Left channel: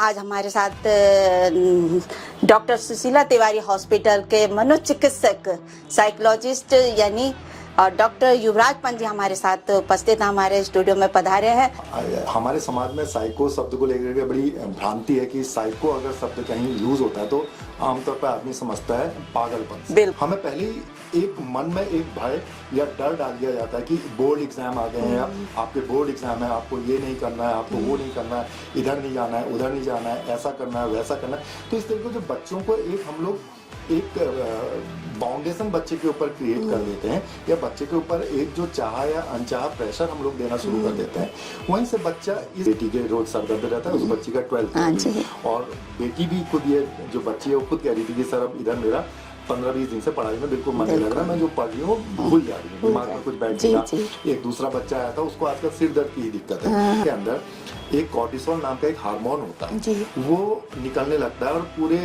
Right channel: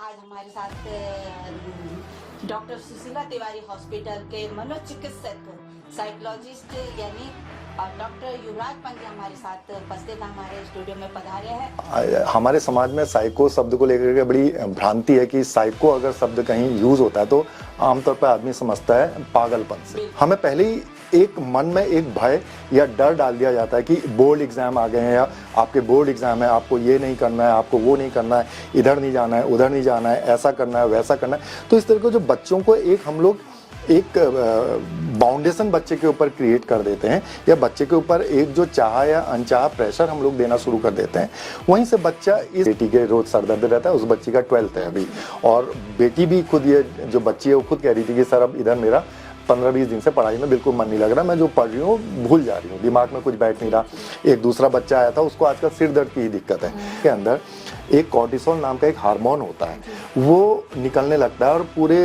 आज हमारे साथ डॉक्टर सुशीला तिवारी हॉस्पिटल के मनोचिकित्सक साइकोलॉजिस्ट यानी डॉक्टर युवराज पंत जी हमारे साथ उपस्थित हमारे स्टूडियो में पधारे हैं। हमारे समाज में साइको शब्द को लेकर के बड़ी भ्रांति है कि साइको अगर शब्द कहीं यूज होता है तो आमतौर पर आदमी समझता है पागलपन। हमें पहले ही एक मन में एक भय या डर डाल दिया जाता है कि बोर्ड एग्जाम आ गए हैं या आपके बोर्ड एग्जाम है, आपको ये नहीं करना है, आपको वो नहीं करना है, इधर नहीं जाना है, उधर नहीं जाना है, ऐसा करना है, वैसा करना है। तो इस तरह के जो बच्चों को हम लोग एक बाउंडेशन बच्चे के ऊपर क्रिएट कर देते हैं या बच्चे के ऊपर एक जो चाहा या अनचाहा प्रेशर हम लोग देना शुरू कर देते हैं। वहीं से बच्चा इस बेटी के रोज सर दर्द रहता है, उस बच्ची का 12th है अभी, और बेटी भी खुद ये जो बच्ची है वो खुद कह रही थी कि सर अब इधर मेरा 15-20 दिन से पढ़ाई में बिल्कुल मन नहीं लग रहा, मैं जो पढ़ रही हूँ भूल जा रही हूँ, दिमाग में कुछ बैठ नहीं रहा। एक दूसरा बच्चा आया था, उसको आजकल सिर दर्द की ही दिक्कत है। के अंदर एक कॉर्टिसोल नाम का एक हार्मोन होता है, वो निकलने लगता है और पूरे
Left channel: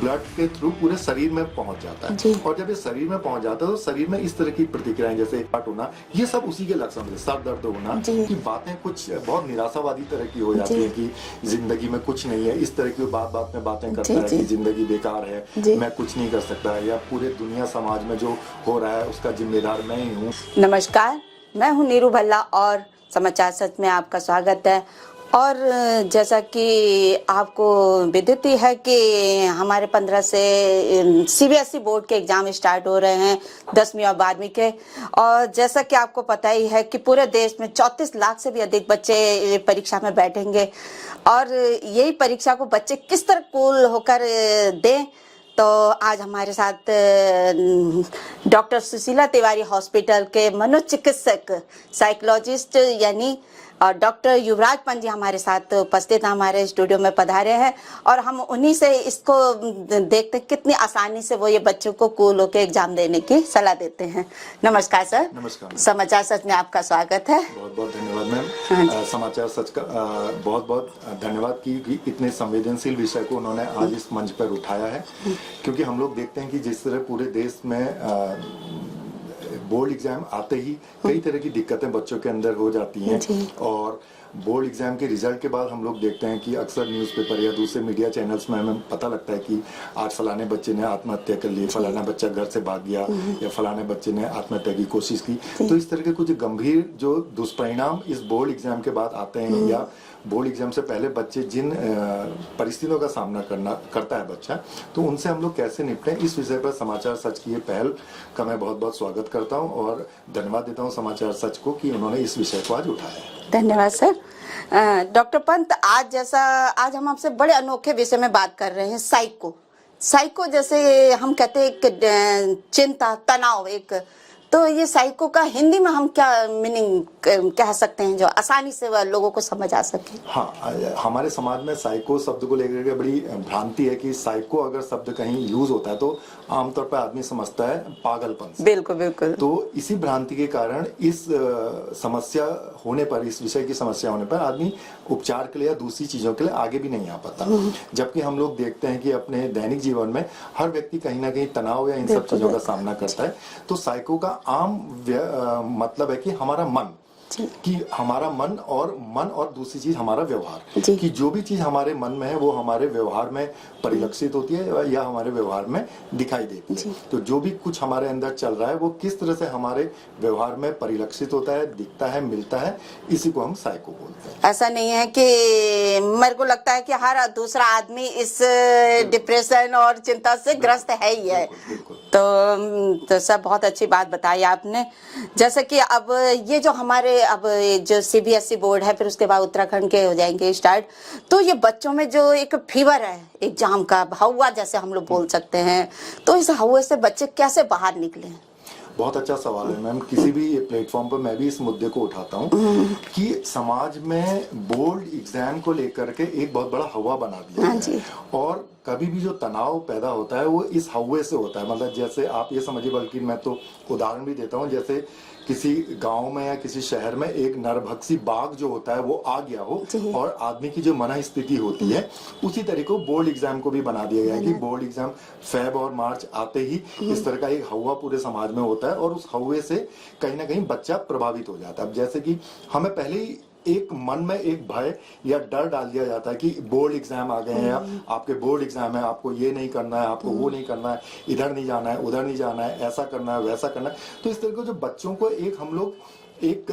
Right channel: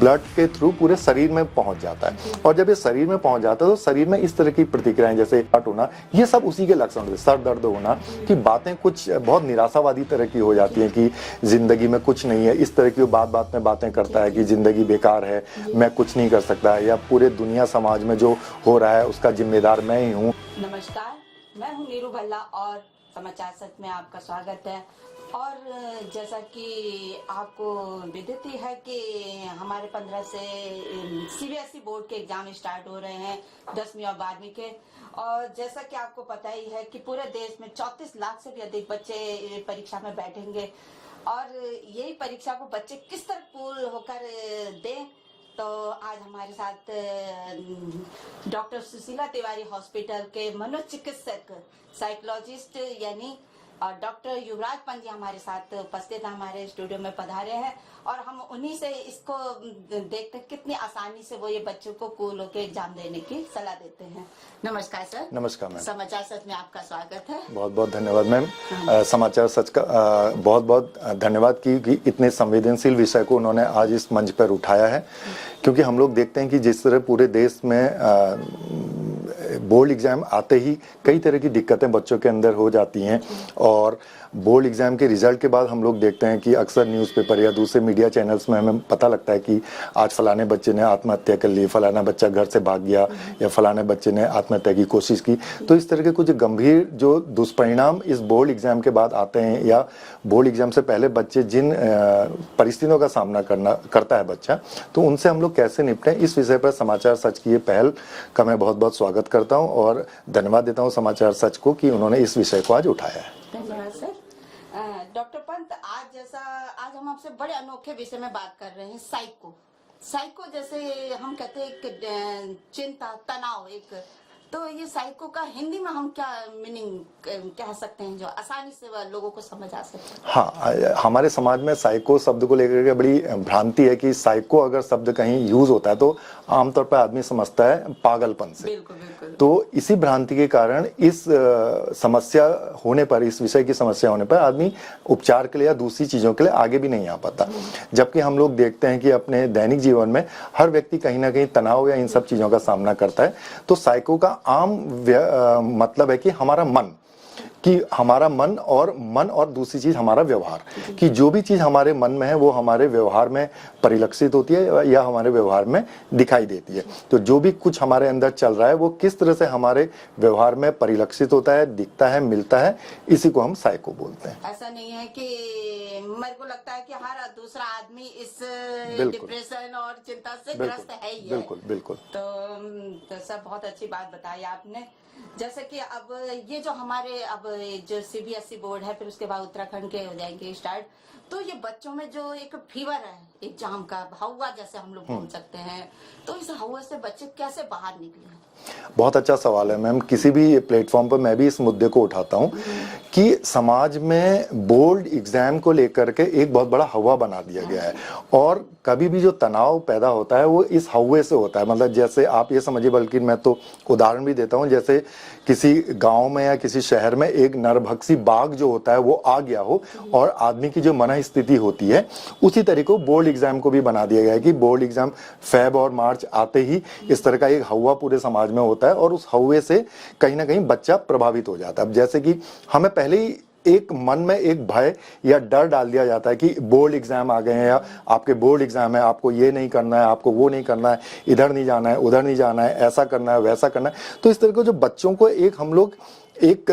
ब्लड के थ्रू पूरे शरीर में पहुंच जाता है। और जब ये शरीर में पहुंच जाता है तो शरीर में इस तरह की प्रतिक्रियाएं जैसे हट होना, ये सब उसी के लक्षण होते हैं। सर दर्द होना कि बातें कुछ बहुत निराशावादी तरह की हो जाती है कि जिंदगी में कुछ नहीं है, इस तरह की बात में बातें करता है कि जिंदगी बेकार है, मैं कुछ नहीं कर सकता, या पूरे दुनिया समाज में जो हो रहा है उसका जिम्मेदार मैं ही हूँ। नमस्कार, मैं हूँ नीरू भल्ला और समाचार सच में आपका स्वागत है। और जैसा कि आपको विदित ही है कि हमारे 15 से सीबीएसई बोर्ड के एग्जाम स्टार्ट हो रहे हैं 10वीं और 12वीं के। और जैसा कि आपको पता ही है कि पूरे देश में 34 लाख से भी अधिक बच्चे परीक्षा में बैठेंगे और यही परीक्षा को बच्चे किस तरह कूल होकर दें, तो आज हमारे साथ डॉक्टर सुशीला तिवारी हॉस्पिटल के मनोचिकित्सक साइकोलॉजिस्ट यानी डॉक्टर युवराज पंत जी हमारे साथ उपस्थित हमारे स्टूडियो में पधारे हैं और हम उन्हीं से इसको देखते कितनी आसानी से वो ये बच्चों को कूल होकर एग्जाम देने की सलाह देते हैं। नमस्कार सर। नमस्कार मैम। समाचार सच में आपका स्वागत है। बहुत बहुत धन्यवाद मैम। समाचार सच का बहुत बहुत धन्यवाद कि इतने संवेदनशील विषय को उन्होंने आज इस मंच पर उठाया है, क्योंकि हम लोग देखते हैं कि जिस तरह पूरे देश में बोर्ड एग्जाम आते ही कई तरह की दिक्कतें बच्चों के अंदर हो जाती हैं। और बोर्ड एग्जाम के रिजल्ट के बाद हम लोग देखते हैं कि अक्सर न्यूज़पेपर या दूसरे मीडिया चैनल्स में हमें पता लगता है कि आज फलाने बच्चे ने आत्महत्या कर ली, फलाना बच्चा घर से भाग गया या फलाने बच्चे ने आत्महत्या की कोशिश की। तो इस तरह के कुछ गंभीर जो दुष्परिणाम इस बोर्ड एग्जाम के बाद आते हैं या बोर्ड एग्जाम से पहले बच्चे जिन परिस्थितियों का सामना करता है बच्चा, तो उनसे हम लोग कैसे निपटें, इस विषय पर समाचार सच की ये पहल का मैं बहुत बहुत स्वागत करता हूँ और धन्यवाद देता हूँ समाचार सच को कि उन्होंने इस विषय को आज उठाया है। धन्यवाद सर। डॉक्टर पंत, आज हम आपसे बड़े अनोखे विषय में बात कर रहे हैं, साइको जैसे हम कहते हैं एक चिंता तनाव एक, तो ये साइको का हिंदी में हम क्या मीनिंग कह सकते हैं जो आसानी से लोगों को समझ आ सके? हाँ, हमारे समाज में साइको शब्द को लेकर के बड़ी भ्रांति है कि साइको अगर शब्द कहीं यूज होता है तो आमतौर पर आदमी समझता है पागलपन से। बिल्कुल बिल्कुल। तो इसी भ्रांति के कारण इस समस्या होने पर, इस विषय की समस्या होने पर आदमी उपचार के लिए या दूसरी चीजों के लिए आगे भी नहीं आ पाता। जबकि हम लोग देखते हैं कि अपने दैनिक जीवन में हर व्यक्ति कहीं ना कहीं तनाव या इन सब चीजों का सामना करता है। तो साइको का आम मतलब है कि हमारा मन, कि हमारा मन और दूसरी चीज हमारा व्यवहार, कि जो भी चीज हमारे मन में है वो हमारे व्यवहार में परिलक्षित होती है या हमारे व्यवहार में दिखाई देती है। तो जो भी कुछ हमारे अंदर चल रहा है वो किस तरह से हमारे व्यवहार में परिलक्षित होता है, दिखता है, मिलता है, इसी को हम साइको बोलते हैं। ऐसा नहीं है कि मेरे को लगता है कि हर दूसरा आदमी इस डिप्रेशन और चिंता से ग्रस्त है ही है। बिल्कुल। तो सर बहुत अच्छी बात बताई आपने। जैसे कि अब ये जो हमारे अब जो सीबीएसई बोर्ड है, फिर उसके बाद उत्तराखंड के हो जाएंगे स्टार्ट, तो ये बच्चों में जो एक फीवर है एग्जाम का, हवा जैसे हम लोग बोल सकते हैं, तो इस हवा से बच्चे कैसे बाहर निकले? बहुत अच्छा सवाल है मैम। किसी भी प्लेटफॉर्म पर मैं भी इस मुद्दे को उठाता हूँ कि समाज में बोर्ड एग्जाम को लेकर के एक बहुत बड़ा हवा बना दिया गया है और कभी भी जो तनाव पैदा होता है वो इस हवा से होता है। मतलब जैसे आप ये समझिए, बल्कि मैं तो उदाहरण भी देता हूँ, जैसे किसी गांव में या किसी शहर में एक नरभक्षी बाघ जो होता है वो आ गया हो और आदमी की जो मन स्थिति होती है, उसी तरह को बोर्ड एग्जाम को भी बना दिया गया है कि बोर्ड एग्जाम फेब और मार्च आते ही इस तरह का एक हवा पूरे समाज में होता है और उस हवे से कहीं ना कहीं बच्चा प्रभावित हो जाता है। अब जैसे कि हमें पहले ही एक मन में एक भय या डर डाल दिया जाता है कि बोर्ड एग्जाम आ गए हैं या आपके बोर्ड एग्जाम है, आपको ये नहीं करना है, आपको वो नहीं करना है, इधर नहीं जाना है, उधर नहीं जाना है, ऐसा करना है, वैसा करना है। तो इस तरह के जो बच्चों को हम लोग एक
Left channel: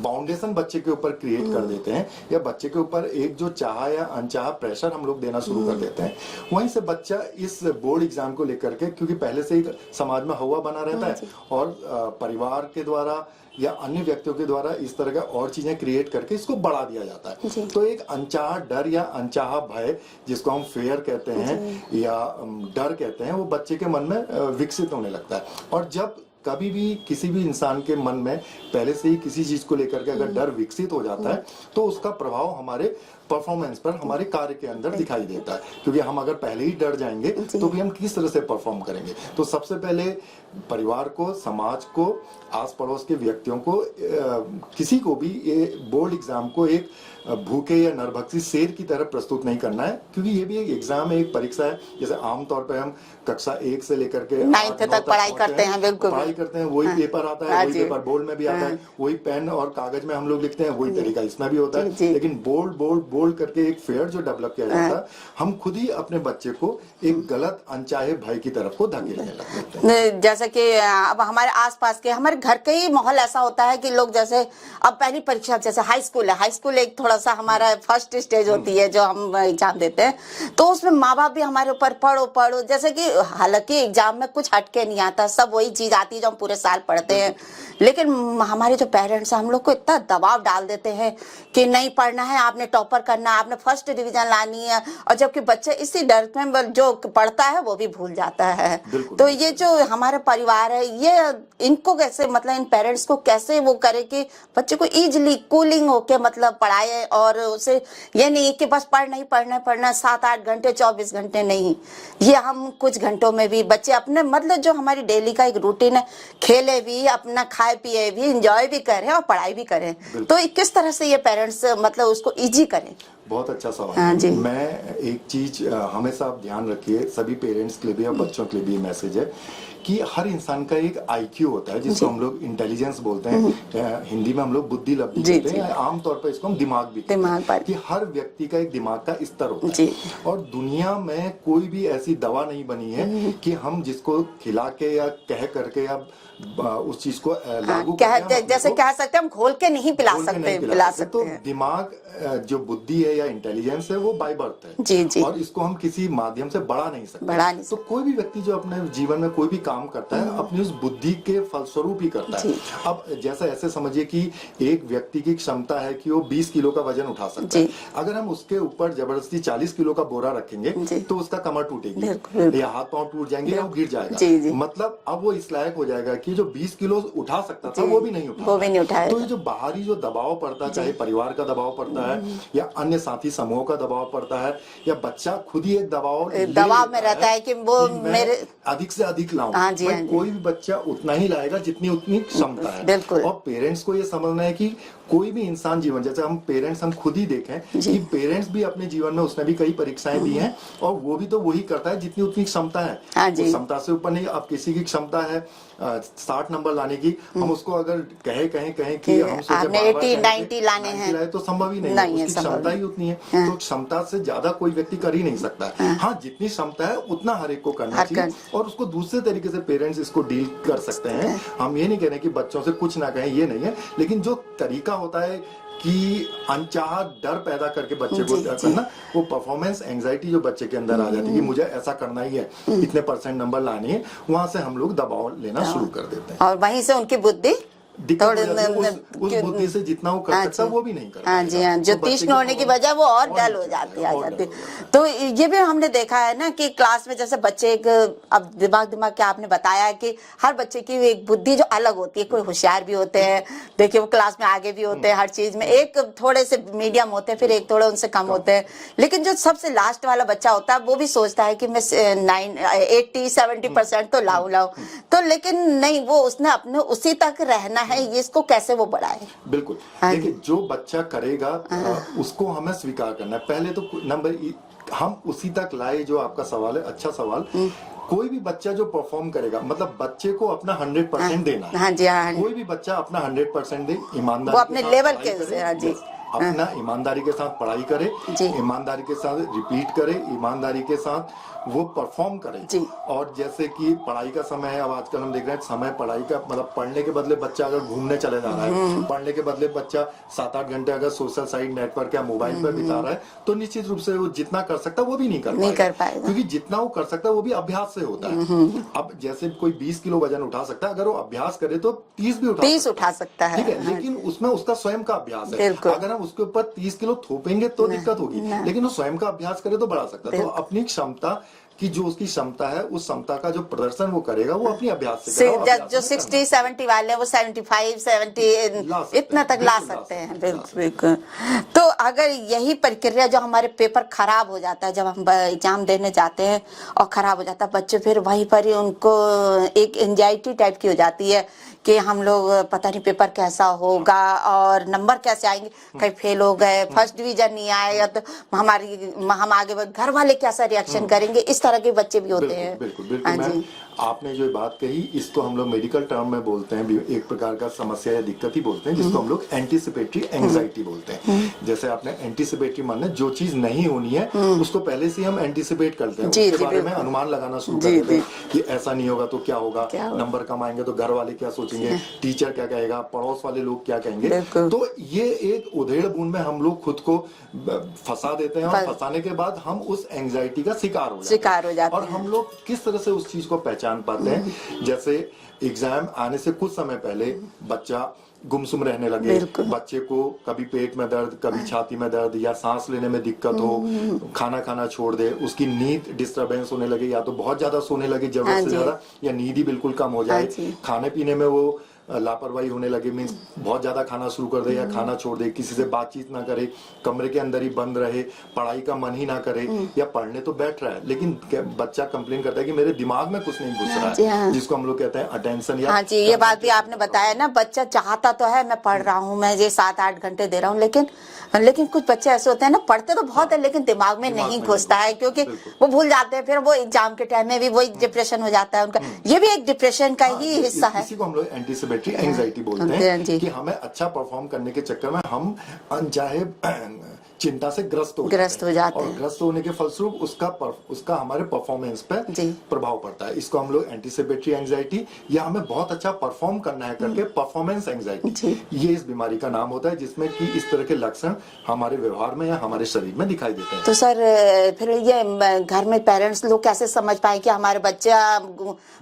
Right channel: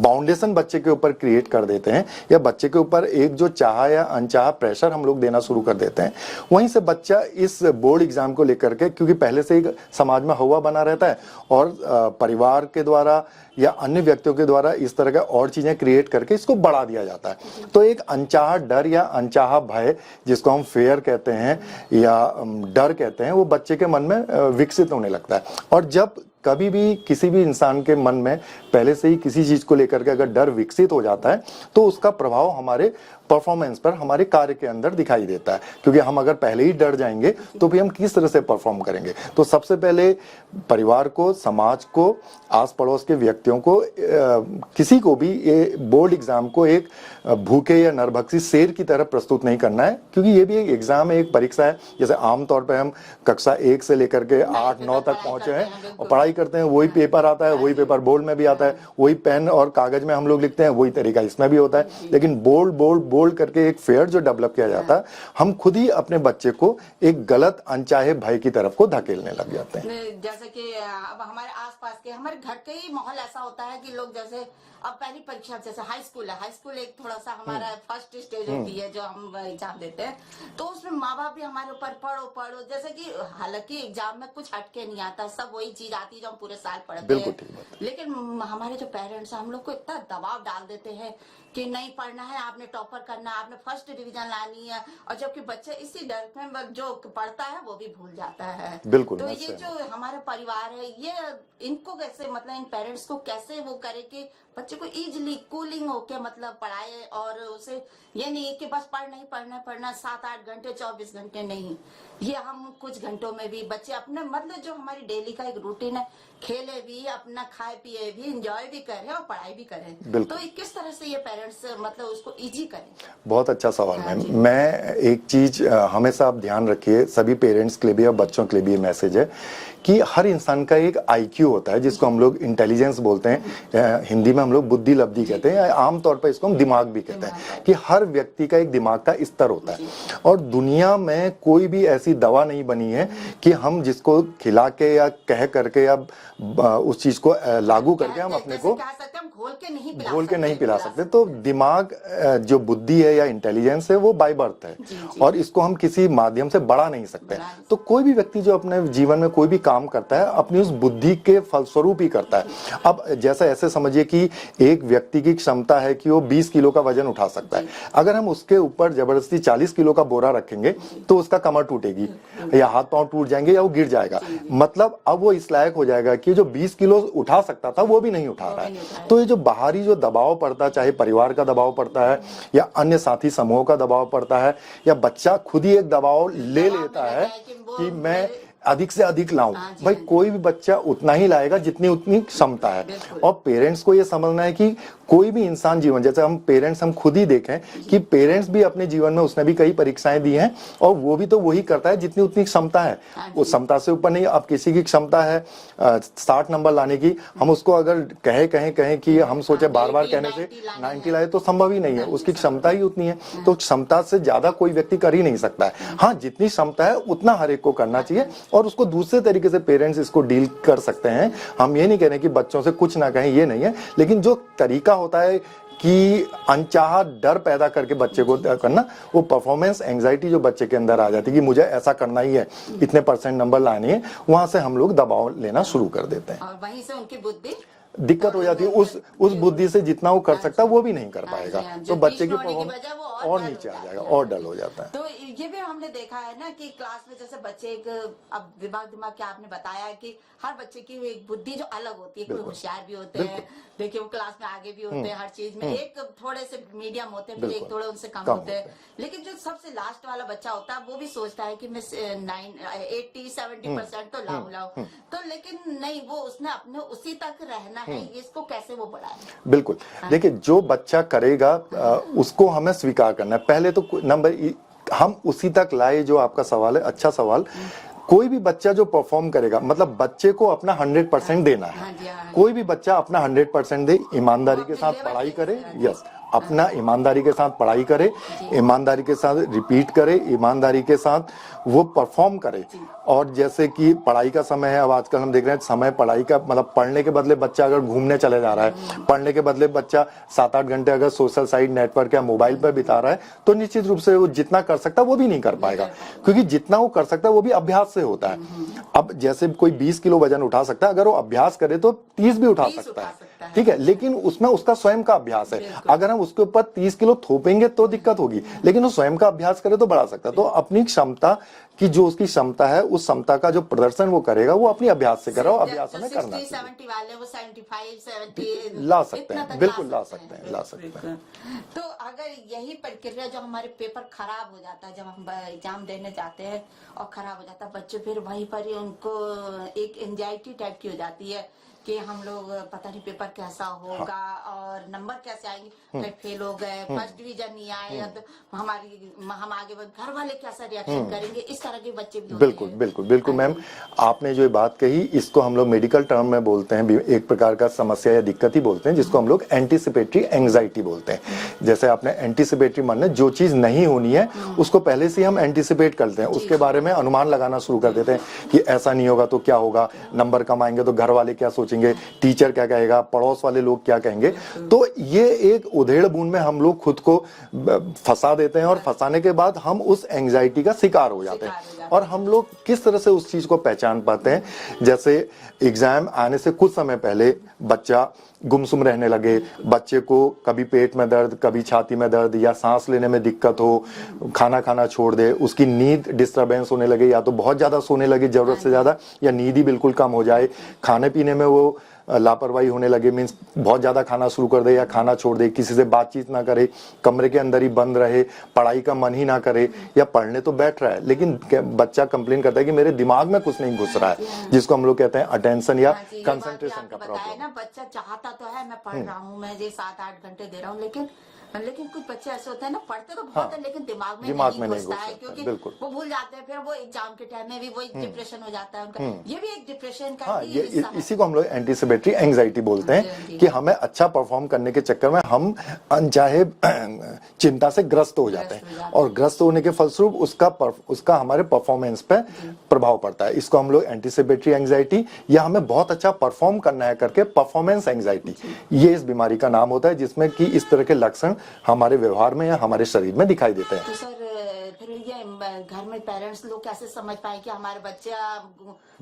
बाउंडेशन बच्चे के ऊपर क्रिएट कर देते हैं, या बच्चे के ऊपर एक जो चाहा या अनचाहा प्रेशर हम लोग देना शुरू कर देते हैं। वहीं से बच्चा इस बोर्ड एग्जाम को लेकर के, क्योंकि पहले से ही समाज में हवा बना रहता है और परिवार के द्वारा या अन्य व्यक्तियों के द्वारा इस तरह का और चीजें क्रिएट करके इसको बढ़ा दिया जाता है। तो एक अनचाहा डर या अनचाहा भय, जिसको हम फेयर कहते हैं या डर कहते हैं, वो बच्चे के मन में विकसित होने लगता है। और जब कभी भी किसी भी इंसान के मन में पहले से ही किसी चीज को लेकर के अगर डर विकसित हो जाता है, तो उसका प्रभाव हमारे परफॉर्मेंस पर, हमारे कार्य के अंदर दिखाई देता है। क्योंकि हम अगर पहले ही डर जाएंगे तो फिर हम किस तरह से परफॉर्म करेंगे। तो सबसे पहले परिवार को, समाज को, आस पड़ोस के व्यक्तियों को, किसी को भी ये बोर्ड एग्जाम को एक भूखे या नरभक्षी शेर की तरह प्रस्तुत नहीं करना है, क्योंकि ये भी एक एग्जाम है, एक परीक्षा है। जैसे आमतौर पर हम कक्षा 1 से लेकर के 8-9 तक पढ़ाई करते हैं, वही पेपर आता है, वही पेपर बोर्ड में भी आता है, वही पेन और कागज में हम लोग लिखते हैं, वही तरीका इसमें भी होता है। लेकिन बोल्ड करके एक फेयर जो डेवलप किया जाता है, हम खुद ही अपने बच्चे को एक गलत अनचाहे भय की तरफ को धकेलने लग जाते हैं। जैसे कि अब हमारे आसपास के, हमारे घर के ही माहौल ऐसा होता है कि लोग, जैसे अब पहली परीक्षा, जैसे हाई स्कूल है, हाई स्कूल एक थोड़ा सा हमारा फर्स्ट स्टेज होती है जो हम एग्जाम देते हैं, तो उसमें माँ बाप भी हमारे ऊपर पढ़ो, जैसे कि हालांकि एग्जाम में कुछ हटके नहीं आता, सब वही चीज आती है जो हम पूरे साल पढ़ते हैं। लेकिन हमारे जो पेरेंट्स हैं, हम लोग को इतना दबाव डाल देते हैं कि नहीं पढ़ना है, आपने टॉपर करना है, आपने फर्स्ट डिवीजन लानी है, और जबकि बच्चे इसी डर में जो पढ़ता है वो भी भूल जाता है। तो ये जो हमारे परिवार है, ये इनको कैसे, मतलब इन पेरेंट्स को कैसे वो करे कि बच्चे को इजीली कूलिंग होके मतलब पढ़ाए, और उसे ये नहीं कि बस पढ़ना 7-8 घंटे 24 घंटे नहीं, ये हम कुछ घंटों में भी बच्चे अपने, मतलब जो हमारी डेली का एक रूटीन है, खेले भी, अपना खाए पिए भी, एंजॉय भी करें और पढ़ाई भी करें। तो किस तरह से ये पेरेंट्स मतलब उसको इजी करें? बहुत अच्छा सवाल है। मैं एक चीज हमेशा आप ध्यान रखिए, सभी पेरेंट्स के लिए भी और बच्चों के लिए भी मैसेज है कि हर इंसान का एक आईक्यू होता है, जिसको हम लोग इंटेलिजेंस बोलते हैं, हिंदी में हम लोग बुद्धि लब्धि कहते हैं, आमतौर पर इसको हम दिमाग भी कहते हैं, कि हर व्यक्ति का एक दिमाग का स्तर होता है। और दुनिया में कोई भी ऐसी दवा नहीं बनी है कि हम जिसको खिला के या कह करके या उस चीज को लागू करके, जैसे कह सकते हैं हम घोल के नहीं पिला सकते। तो दिमाग जो बुद्धि है या इंटेलिजेंस है, वो बाय बर्थ है, और इसको हम किसी माध्यम से बढ़ा नहीं सकते। तो कोई भी व्यक्ति जो अपने जीवन में कोई भी काम करता है, अपनी उस बुद्धि के फलस्वरूप ही करता है। अब जैसे ऐसे समझिए कि एक व्यक्ति की क्षमता है कि वो 20 किलो का वजन उठा सकता है। अगर हम उसके ऊपर जबरदस्ती 40 किलो का बोरा रखेंगे तो उसका कमर टूटेगी, या हाथ पांव टूट जाएंगे, या वो गिर जाएगा। मतलब अब वो इस लायक हो जाएगा कि जो 20 किलो उठा सकता था वो भी नहीं उठा। तो ये जो बाहरी जो दबाव पड़ता है, चाहे परिवार का दबाव पड़ता है, या अन्य साथी समूह का दबाव पड़ता है, या बच्चा खुद ही एक दबाव में रहता है कि वो मैं अधिक से अधिक लाऊं। भाई कोई भी बच्चा उतना ही लाएगा जितनी उतनी क्षमता है। और पेरेंट्स को ये समझना है कि कोई भी इंसान जीवन, जैसे हम पेरेंट्स हम खुद ही देखें कि पेरेंट्स भी अपने जीवन में, उसने भी कई परीक्षाएं दी हैं, और वो भी तो वही करता है जितनी उतनी क्षमता है। वो क्षमता से ऊपर नहीं। अब किसी की क्षमता है 60 नंबर लाने की, हम उसको अगर कहें कि हम सोचे बार-बार 90 लाए तो संभव ही नहीं है, उसकी क्षमता ही उतनी है। तो क्षमता से ज्यादा कोई व्यक्ति कर ही नहीं सकता है। हाँ, जितनी क्षमता है उतना हर एक को करना चाहिए, और उसको दूसरे तरीके से पेरेंट्स इसको डील कर सकते हैं। हम ये नहीं कह रहे कि बच्चों से कुछ ना कहें, ये नहीं है, लेकिन जो तरीका होता है कि अनचाहा डर पैदा करके बच्चे को करना, वो परफॉर्मेंस एंजाइटी जो बच्चे के अंदर आ जाती है कि मुझे ऐसा करना ही है, इतने % नंबर लाने हैं, वहां से हम लोग दबाव लेना शुरू कर देते हैं, और वहीं से उनकी बुद्धि दिक्कत हो जाती है। उस बुद्धि से जितना वो कर सकता है वो भी नहीं कर पाएगा। जो तीक्ष्ण होने की वजह वो और डल हो जाती है। तो ये भी हमने देखा है ना कि क्लास में जैसे बच्चे, अब दिमाग के आपने बताया कि हर बच्चे की एक बुद्धि जो अलग होती है, कोई होशियार भी होते हैं, देखिए वो क्लास में आगे भी होते हैं हर चीज में, एक थोड़े से मीडियम होते हैं, फिर एक थोड़े उनसे कम होते हैं। लेकिन जो सबसे लास्ट वाला बच्चा होता है वो भी सोचता है कि मैं 80-70% तो लाऊं। तो लेकिन नहीं, वो उसने अपने उसी तक रहना है, ये इसको कैसे वो बढ़ाए? बिल्कुल। देखिए, जो बच्चा करेगा उसको हमें स्वीकार करना है। पहले तो नंबर हम उसी तक लाए, जो आपका सवाल है, अच्छा सवाल। कोई भी बच्चा जो परफॉर्म करेगा, मतलब बच्चे को अपना 100% देना है। हाँ जी, हाँ। कोई भी बच्चा अपना 100% दे, ईमानदारी के साथ पढ़ाई करे, अपना ईमानदारी के साथ पढ़ाई करे, ईमानदारी के साथ रिपीट करे, ईमानदारी के साथ वो परफॉर्म करे। और जैसे कि पढ़ाई का समय है, अब आजकल हम देख रहे हैं समय पढ़ाई का, मतलब पढ़ने के बदले बच्चा अगर घूमने चले जा रहा है, पढ़ने के बदले बच्चा 7-8 घंटे अगर सोशल साइट नेटवर्क या मोबाइल पर बिता रहा है, तो निश्चित रूप से वो जितना कर सकता है वो भी नहीं कर पाएगा, क्योंकि जितना वो कर सकता है वो भी अभ्यास से होता है। अब जैसे कोई 20 किलो वजन उठा सकता है, अगर वो अभ्यास करे तो 30 भी उठा सकता है, ठीक है, लेकिन उसमें उसका स्वयं का अभ्यास है। अगर हम उसके ऊपर 30 किलो थोपेंगे तो दिक्कत होगी, लेकिन वो स्वयं का अभ्यास करे तो बढ़ा सकता है। तो अपनी क्षमता कि जो उसकी क्षमता है, उस क्षमता का जो प्रदर्शन वो करेगा वो अपनी अभ्यास से करेगा। जो 60-70 वाले हैं वो 75-70 इतना तक ला सकते हैं। बिल्कुल। तो अगर यही प्रक्रिया जो हमारे पेपर खराब हो जाता है, जब हम एग्जाम देने जाते हैं और खराब हो जाता है, बच्चे फिर वहीं पर ही उनको एक एंजाइटी टाइप की हो जाती है कि हम लोग पता नहीं पेपर कैसा होगा और नंबर कैसे आएंगे, कहीं फेल हो गए, फर्स्ट डिवीजन नहीं आएगा तो हम आगे घर वाले कैसा रिएक्शन करेंगे, इस तरह के बच्चे भी होते हैं। बिल्कुल मैम, आपने जो बात कही इसको हम लोग मेडिकल टर्म में बोलते हैं, एक प्रकार का समस्या या दिक्कत ही बोलते हैं, जिसको हम लोग एंटीसिपेटरी एंजाइटी बोलते हैं। जैसे आपने एंटीसिपेटरी माने जो चीज नहीं होनी है उसको पहले से हम एंटीसिपेट करते हैं, उसके बारे में अनुमान लगाना शुरू कर देते हैं कि ऐसा नहीं होगा तो क्या होगा, नंबर कम आएंगे तो घर वाले क्या सोचेंगे, टीचर क्या कहेगा, पड़ोस वाले लोग क्या कहेंगे। तो ये एक उधेड़ बुन में हम लोग खुद को फंसा देते हैं और फंसाने के बाद हम उस एंजाइटी का शिकार हो जाते हैं। और हम लोग किस तरह से उस चीज को पहचान पाते हैं, जैसे एग्जाम आने से कुछ समय पहले बच्चा गुमसुम रहने लगे, बच्चे को कभी पेट में दर्द, कभी छाती में दर्द या सांस लेने में दिक्कत हो, खाना खाना छोड़ दे, उसकी नींद डिस्टरबेंस होने लगे, या तो बहुत ज्यादा सोने लगे जरूरत से ज्यादा, या नींद ही बिल्कुल कम हो जाए, खाने पीने में वो लापरवाही होने लगे, मीन्स बहुत ज्यादा खाना शुरू कर दे या खाना छोड़ दे, किसी से बातचीत ना करे, कमरे के अंदर ही बंद रहे, पढ़ाई का मन ही ना करे, या पढ़ने तो बैठ रहा है लेकिन बच्चा कंप्लेन करता है कि मेरे दिमाग में कुछ नहीं घुस रहा है, जिसको हम लोग कहते हैं अटेंशन या ये बात भी आपने बताया ना, बच्चा चाहता तो है मैं पढ़ रहा हूँ, मैं ये 7-8 घंटे दे रहा हूँ, लेकिन कुछ बच्चे ऐसे होते हैं ना, पढ़ते तो बहुत है लेकिन दिमाग में नहीं घुसता है, क्योंकि वो भूल जाते हैं, फिर वो एग्जाम के टाइम में भी वही डिप्रेशन हो जाता है उनका। ये भी एक डिप्रेशन का ही हिस्सा है। इसी को हम लोग एंटीसिपेटरी एंजाइटी बोलते हैं कि हमें अच्छा परफॉर्म करने के चक्कर में हम अनचाहे चिंता से ग्रस्त हो जाते हैं और ग्रस्त होने के फलस्वरूप उसका हमारे परफॉर्मेंस पे प्रभाव पड़ता है। इसको हम लोग एंटीसिपेटरी एंजाइटी या हमें बहुत अच्छा परफॉर्म करना है करके परफॉर्मेंस एंजाइटी, ये इस बीमारी का नाम होता है, जिसमें कि इस तरह के लक्षण हमारे व्यवहार में या हमारे शरीर में दिखाई देते हैं। तो सर फिर ये घर में पेरेंट्स लोग कैसे समझ पाए कि हमारे बच्चा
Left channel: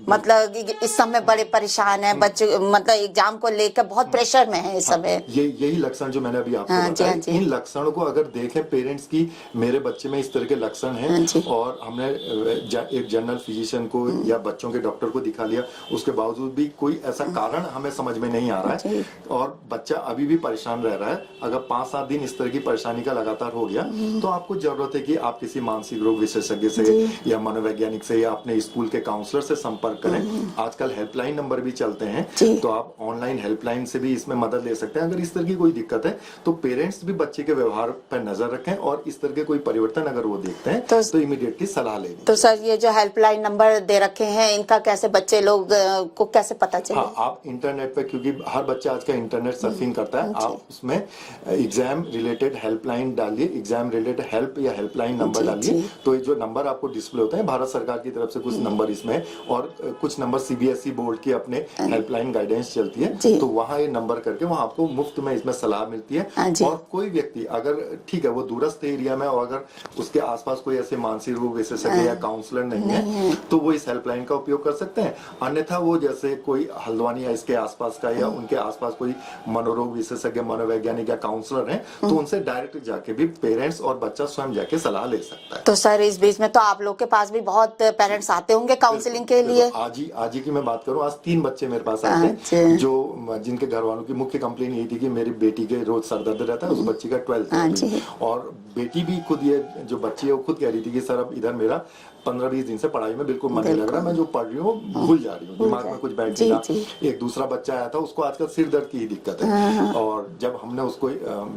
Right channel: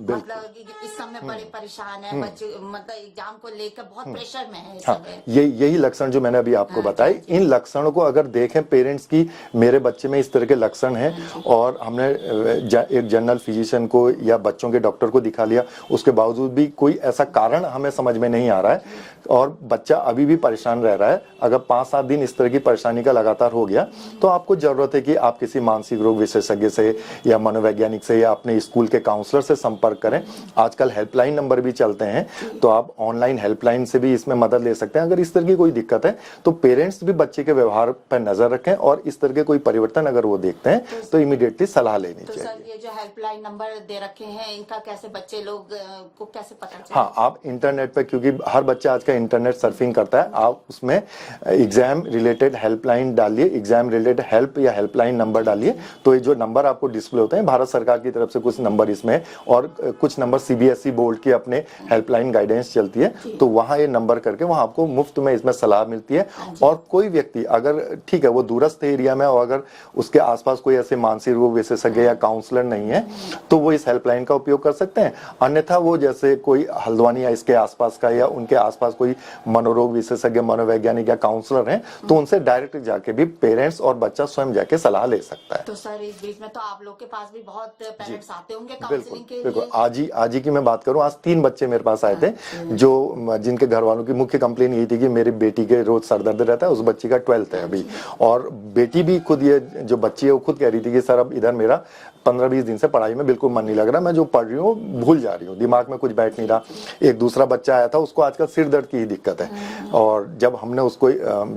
मतलब इस समय बड़े परेशान है, बच्चे मतलब एग्जाम को लेकर बहुत प्रेशर में है इस समय। यही लक्षण जो मैंने अभी आपको बताए, इन लक्षणों को अगर देखें पेरेंट्स की, मेरे बच्चे में इस तरह के लक्षण हैं और हमने एक जनरल फिजिशियन को या बच्चों के डॉक्टर को दिखा लिया, उसके बावजूद भी कोई ऐसा कारण हमें समझ में नहीं आ रहा है और बच्चा अभी भी परेशान रह रहा है, अगर 5-7 दिन इस तरह की परेशानी का लगातार हो गया तो आपको जरूरत है कि आप किसी मानसिक रोग विशेषज्ञ से या मनोवैज्ञानिक से या अपने स्कूल के काउंसलर से संपर्क करें। आजकल हेल्पलाइन नंबर भी चलते हैं, तो आप ऑनलाइन हेल्पलाइन से भी इसमें मदद ले सकते हैं। अगर इस तरह की कोई दिक्कत है तो पेरेंट्स भी बच्चे के व्यवहार पर नजर रखें और इस तरह के कोई परिवर्तन अगर वो देखते हैं तो इमीडिएटली सलाह लेनी। तो सर ये जो हेल्पलाइन नंबर दे रखे हैं, इनका कैसे बच्चे लोग को कैसे पता चले? हाँ, आप इंटरनेट पे, क्योंकि हर बच्चा आज का इंटरनेट सर्फिंग करता है, आप उसमें एग्जाम रिलेटेड हेल्पलाइन डालिए, एग्जाम रिलेटेड हेल्प या हेल्पलाइन नंबर डालिए, तो ये जो नंबर आपको डिस्प्ले होते हैं, भारत सरकार की तरफ से कुछ नंबर इसमें और कुछ नंबर सीबीएसई बोर्ड की अपने हेल्पलाइन गाइडेंस चलती है, तो वहाँ ये नंबर करके वहाँ आपको मुफ्त में इसमें सलाह मिलती है। और कोई व्यक्ति अगर ठीक है वो दूरस्थ एरिया में और अगर उसके आसपास कोई ऐसे मानसिक रोग विशेषज्ञ या काउंसलर नहीं है तो वो इस हेल्पलाइन का उपयोग कर सकते हैं। अन्यथा वो जैसे कोई हल्द्वानी या इसके आसपास का या उनके आसपास कोई मनोरोग विशेषज्ञ, मनोवैज्ञानिक या काउंसलर है तो उनसे डायरेक्ट जाके भी पेरेंट्स और बच्चा स्वयं जाके सलाह ले सकता है। तो सर इस बीच में तो आप लोग के पास भी बहुत पेरेंट्स आते होंगे काउंसलिंग के लिए? आज ही की मैं बात करूं, आज 3 बच्चे मेरे पास आए थे जो जिनके घर वालों की मुख्य कंप्लेन यही थी कि मेरी बेटी के रोज सर दर्द रहता है, उस बच्ची का 12th है अभी, और बेटी भी खुद, ये जो बच्ची है वो खुद कह रही थी कि सर अब इधर मेरा 15-20 दिन से पढ़ाई में बिल्कुल मन नहीं लग रहा, मैं जो पढ़ रही हूँ भूल जा रही हूँ, दिमाग में कुछ बैठ नहीं रहा। एक दूसरा बच्चा आया था, उसको आजकल सिर दर्द की ही दिक्कत है, और जब हमने उसको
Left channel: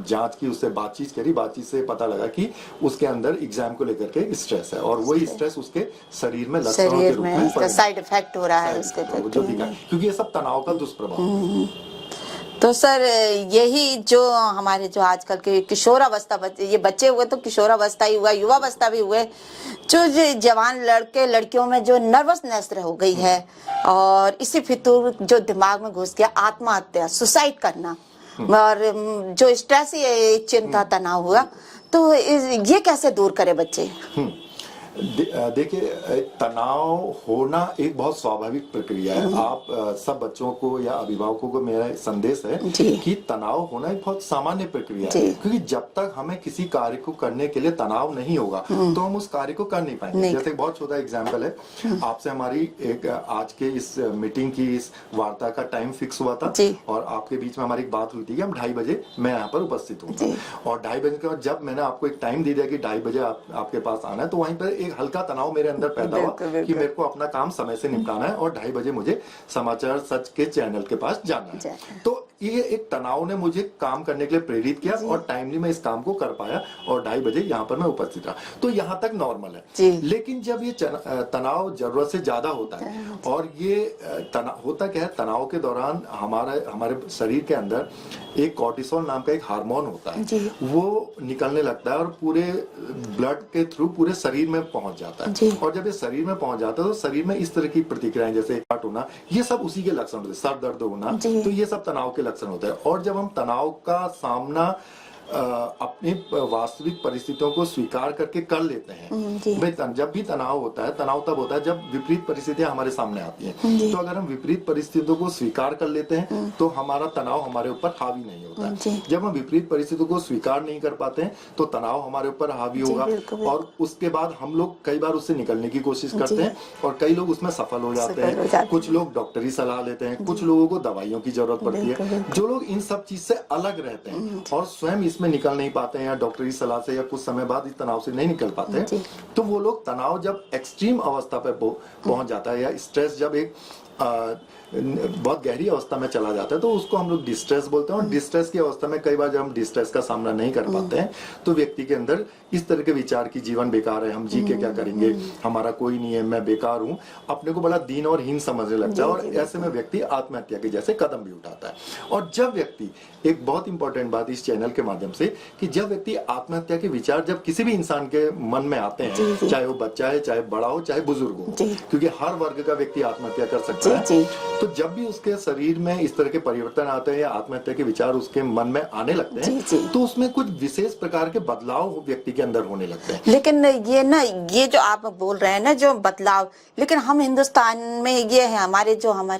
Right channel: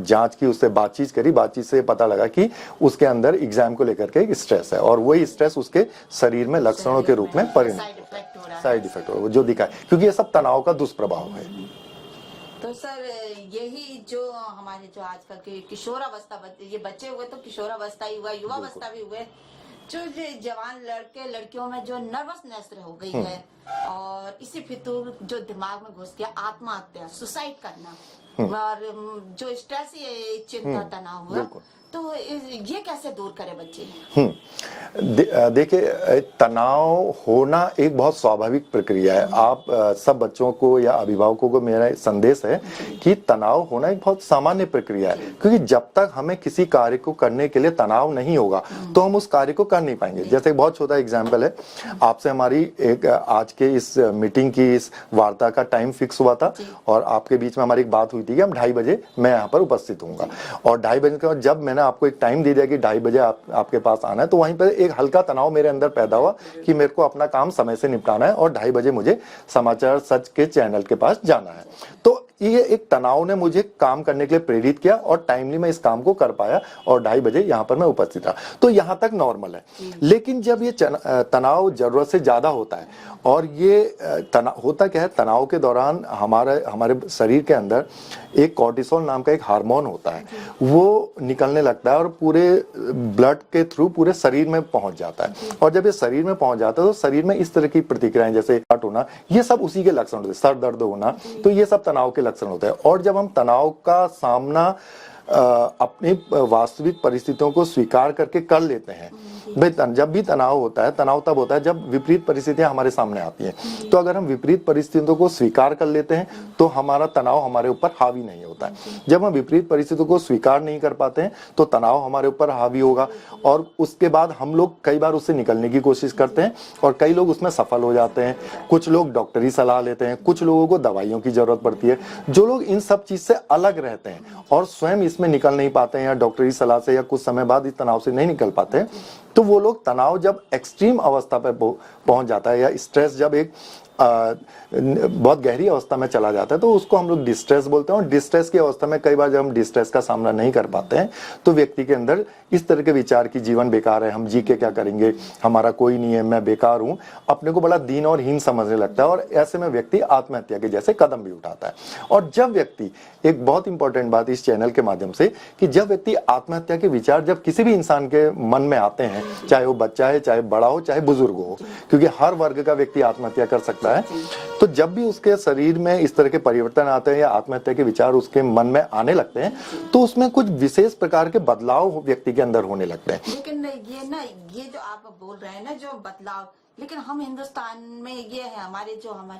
जांच की, उससे बातचीत करी, बातचीत से पता लगा कि उसके अंदर एग्जाम को लेकर के स्ट्रेस है, और वही स्ट्रेस उसके शरीर में लक्षणों के रूप में साइड इफेक्ट हो रहा है, जो दिखा, क्योंकि ये सब तनाव का दुष्प्रभाव है। तो सर यही जो हमारे जो आजकल के किशोरावस्था बच्चे, ये बच्चे हुए तो किशोरावस्था ही हुआ, युवावस्था भी हुए, जो जवान लड़के लड़कियों में जो नर्वसनेस हो गई है, और इसी फितूर जो दिमाग में घुस गया, आत्महत्या, सुसाइड करना, और जो स्ट्रेस, ये चिंता, तनाव हुआ, तो ये कैसे दूर करे बच्चे? देखिए, तनाव होना एक बहुत स्वाभाविक प्रक्रिया है। आप सब बच्चों को या अभिभावकों को मेरा संदेश है कि तनाव होना एक बहुत सामान्य प्रक्रिया है, क्योंकि जब तक हमें किसी कार्य को करने के लिए तनाव नहीं होगा तो हम उस कार्य को कर नहीं पाएंगे। जैसे बहुत छोटा एग्जाम्पल है, आपसे हमारी एक आज के इस मीटिंग की, इस वार्ता का टाइम फिक्स हुआ था, और आपके बीच में हमारी एक बात हुई थी कि हम 2:30 बजे मैं यहाँ पर उपस्थित हूँ, और 2:30 बजे के जब मैंने आपको एक टाइम दे दिया कि 2:30 बजे आपके पास आना है, तो वहीं पर एक हल्का तनाव मेरे अंदर पैदा हुआ कि मेरे को अपना काम समय से निपटाना है, और 2:30 बजे मुझे समाचार सच के चैनल के पास जाना है। तो ये एक तनाव ने मुझे काम करने के लिए प्रेरित किया, और टाइमली मैं इस काम को कर पाया, और 2:30 बजे यहाँ पर मैं उपस्थित था। तो यहाँ तक नॉर्मल है। लेकिन जब ये तनाव जरूरत से ज्यादा होता है, और ये तनाव होता क्या है, तनाव के दौरान हमारे शरीर के अंदर एक कॉर्टिसोल नाम का एक हार्मोन होता है, वो निकलने लगता है, और पूरे ब्लड के थ्रू पूरे शरीर में पहुंच जाता है, और जब ये शरीर में पहुंच जाता है तो शरीर में इस तरह की प्रतिक्रियाएं, जैसे हार्ट होना, ये सब उसी के लक्षण होते हैं, सर दर्द होना, तो ये सब तनाव के लक्षण होते हैं। और जब हम तनाव का सामना अपनी वास्तविक परिस्थितियों को स्वीकार करके कर लेते हैं, भाई जब भी तनाव होता है, तनाव तब होता है जब विपरीत परिस्थितियां हमारे सामने आती हैं। तो अगर हम विपरीत परिस्थितियों को स्वीकार कर लेते हैं तो हमारा तनाव हमारे ऊपर हावी नहीं होता है। जब हम विपरीत परिस्थितियों को स्वीकार नहीं कर पाते हैं तो तनाव हमारे ऊपर हावी होगा, और उसके बाद हम लोग कई बार उससे निकलने की कोशिश करते हैं, और कई लोग उसमें सफल हो जाते हैं। कुछ लोग डॉक्टरी सलाह लेते हैं, कुछ लोगों को दवाइयों की जरूरत पड़ती है। जो लोग इन सब चीज से अलग रहते हैं और स्वयं में निकल नहीं पाते हैं, या डॉक्टरी सलाह से या कुछ समय बाद इस तनाव से नहीं निकल पाते हैं, तो वो लोग तनाव जब एक्सट्रीम अवस्था पे पहुंच जाता है, या स्ट्रेस जब एक बहुत गहरी अवस्था में चला जाता है, तो उसको हम लोग डिस्ट्रेस बोलते हैं। और डिस्ट्रेस की अवस्था में कई बार जब हम डिस्ट्रेस का सामना नहीं कर पाते हैं तो व्यक्ति के अंदर इस तरह के विचार की जीवन बेकार है, हम जी के क्या करेंगे, हमारा कोई नहीं है, मैं बेकार हूं, अपने को बड़ा दीन और हीन समझने लगता है, और ऐसे में व्यक्ति आत्महत्या के जैसे कदम भी उठाता है। और जब व्यक्ति, एक बहुत इंपॉर्टेंट बात इस चैनल के माध्यम से, कि जब व्यक्ति आत्महत्या के विचार जब किसी भी इंसान के मन में आते हैं, चाहे वो बच्चा है, चाहे बड़ा हो, चाहे बुजुर्ग हो, क्योंकि हर वर्ग का व्यक्ति आत्महत्या कर सकता है, तो जब भी उसके शरीर में इस तरह के परिवर्तन आते हैं या आत्महत्या के विचार उसके मन में आने लगते हैं, तो उसमें कुछ विशेष प्रकार के बदलाव व्यक्ति के अंदर होने लगते हैं। लेकिन ये जो आप बोल रहे हैं ना, जो बदलाव, लेकिन हम हिंदुस्तान में ये है, हमारे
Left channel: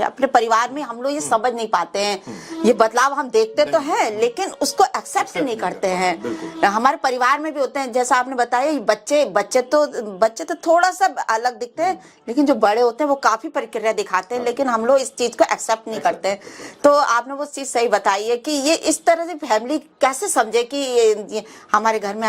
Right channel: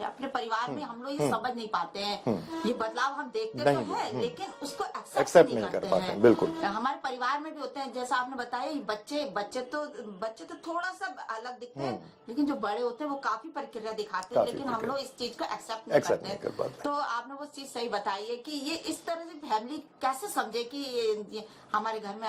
अपने परिवार में हम लोग ये समझ नहीं पाते हैं। ये बदलाव हम देखते तो हैं, लेकिन उसको एक्सेप्ट नहीं करते हैं। हमारे परिवार में भी होते हैं, जैसा आपने बताया, बच्चे तो थोड़ा सा अलग दिखते हैं, लेकिन जो बड़े होते हैं वो काफी प्रक्रिया दिखाते हैं, लेकिन हम लोग इस चीज को एक्सेप्ट नहीं करते। तो आपने वो चीज सही बताई है कि ये इस तरह से फैमिली कैसे समझे कि ये हमारे घर में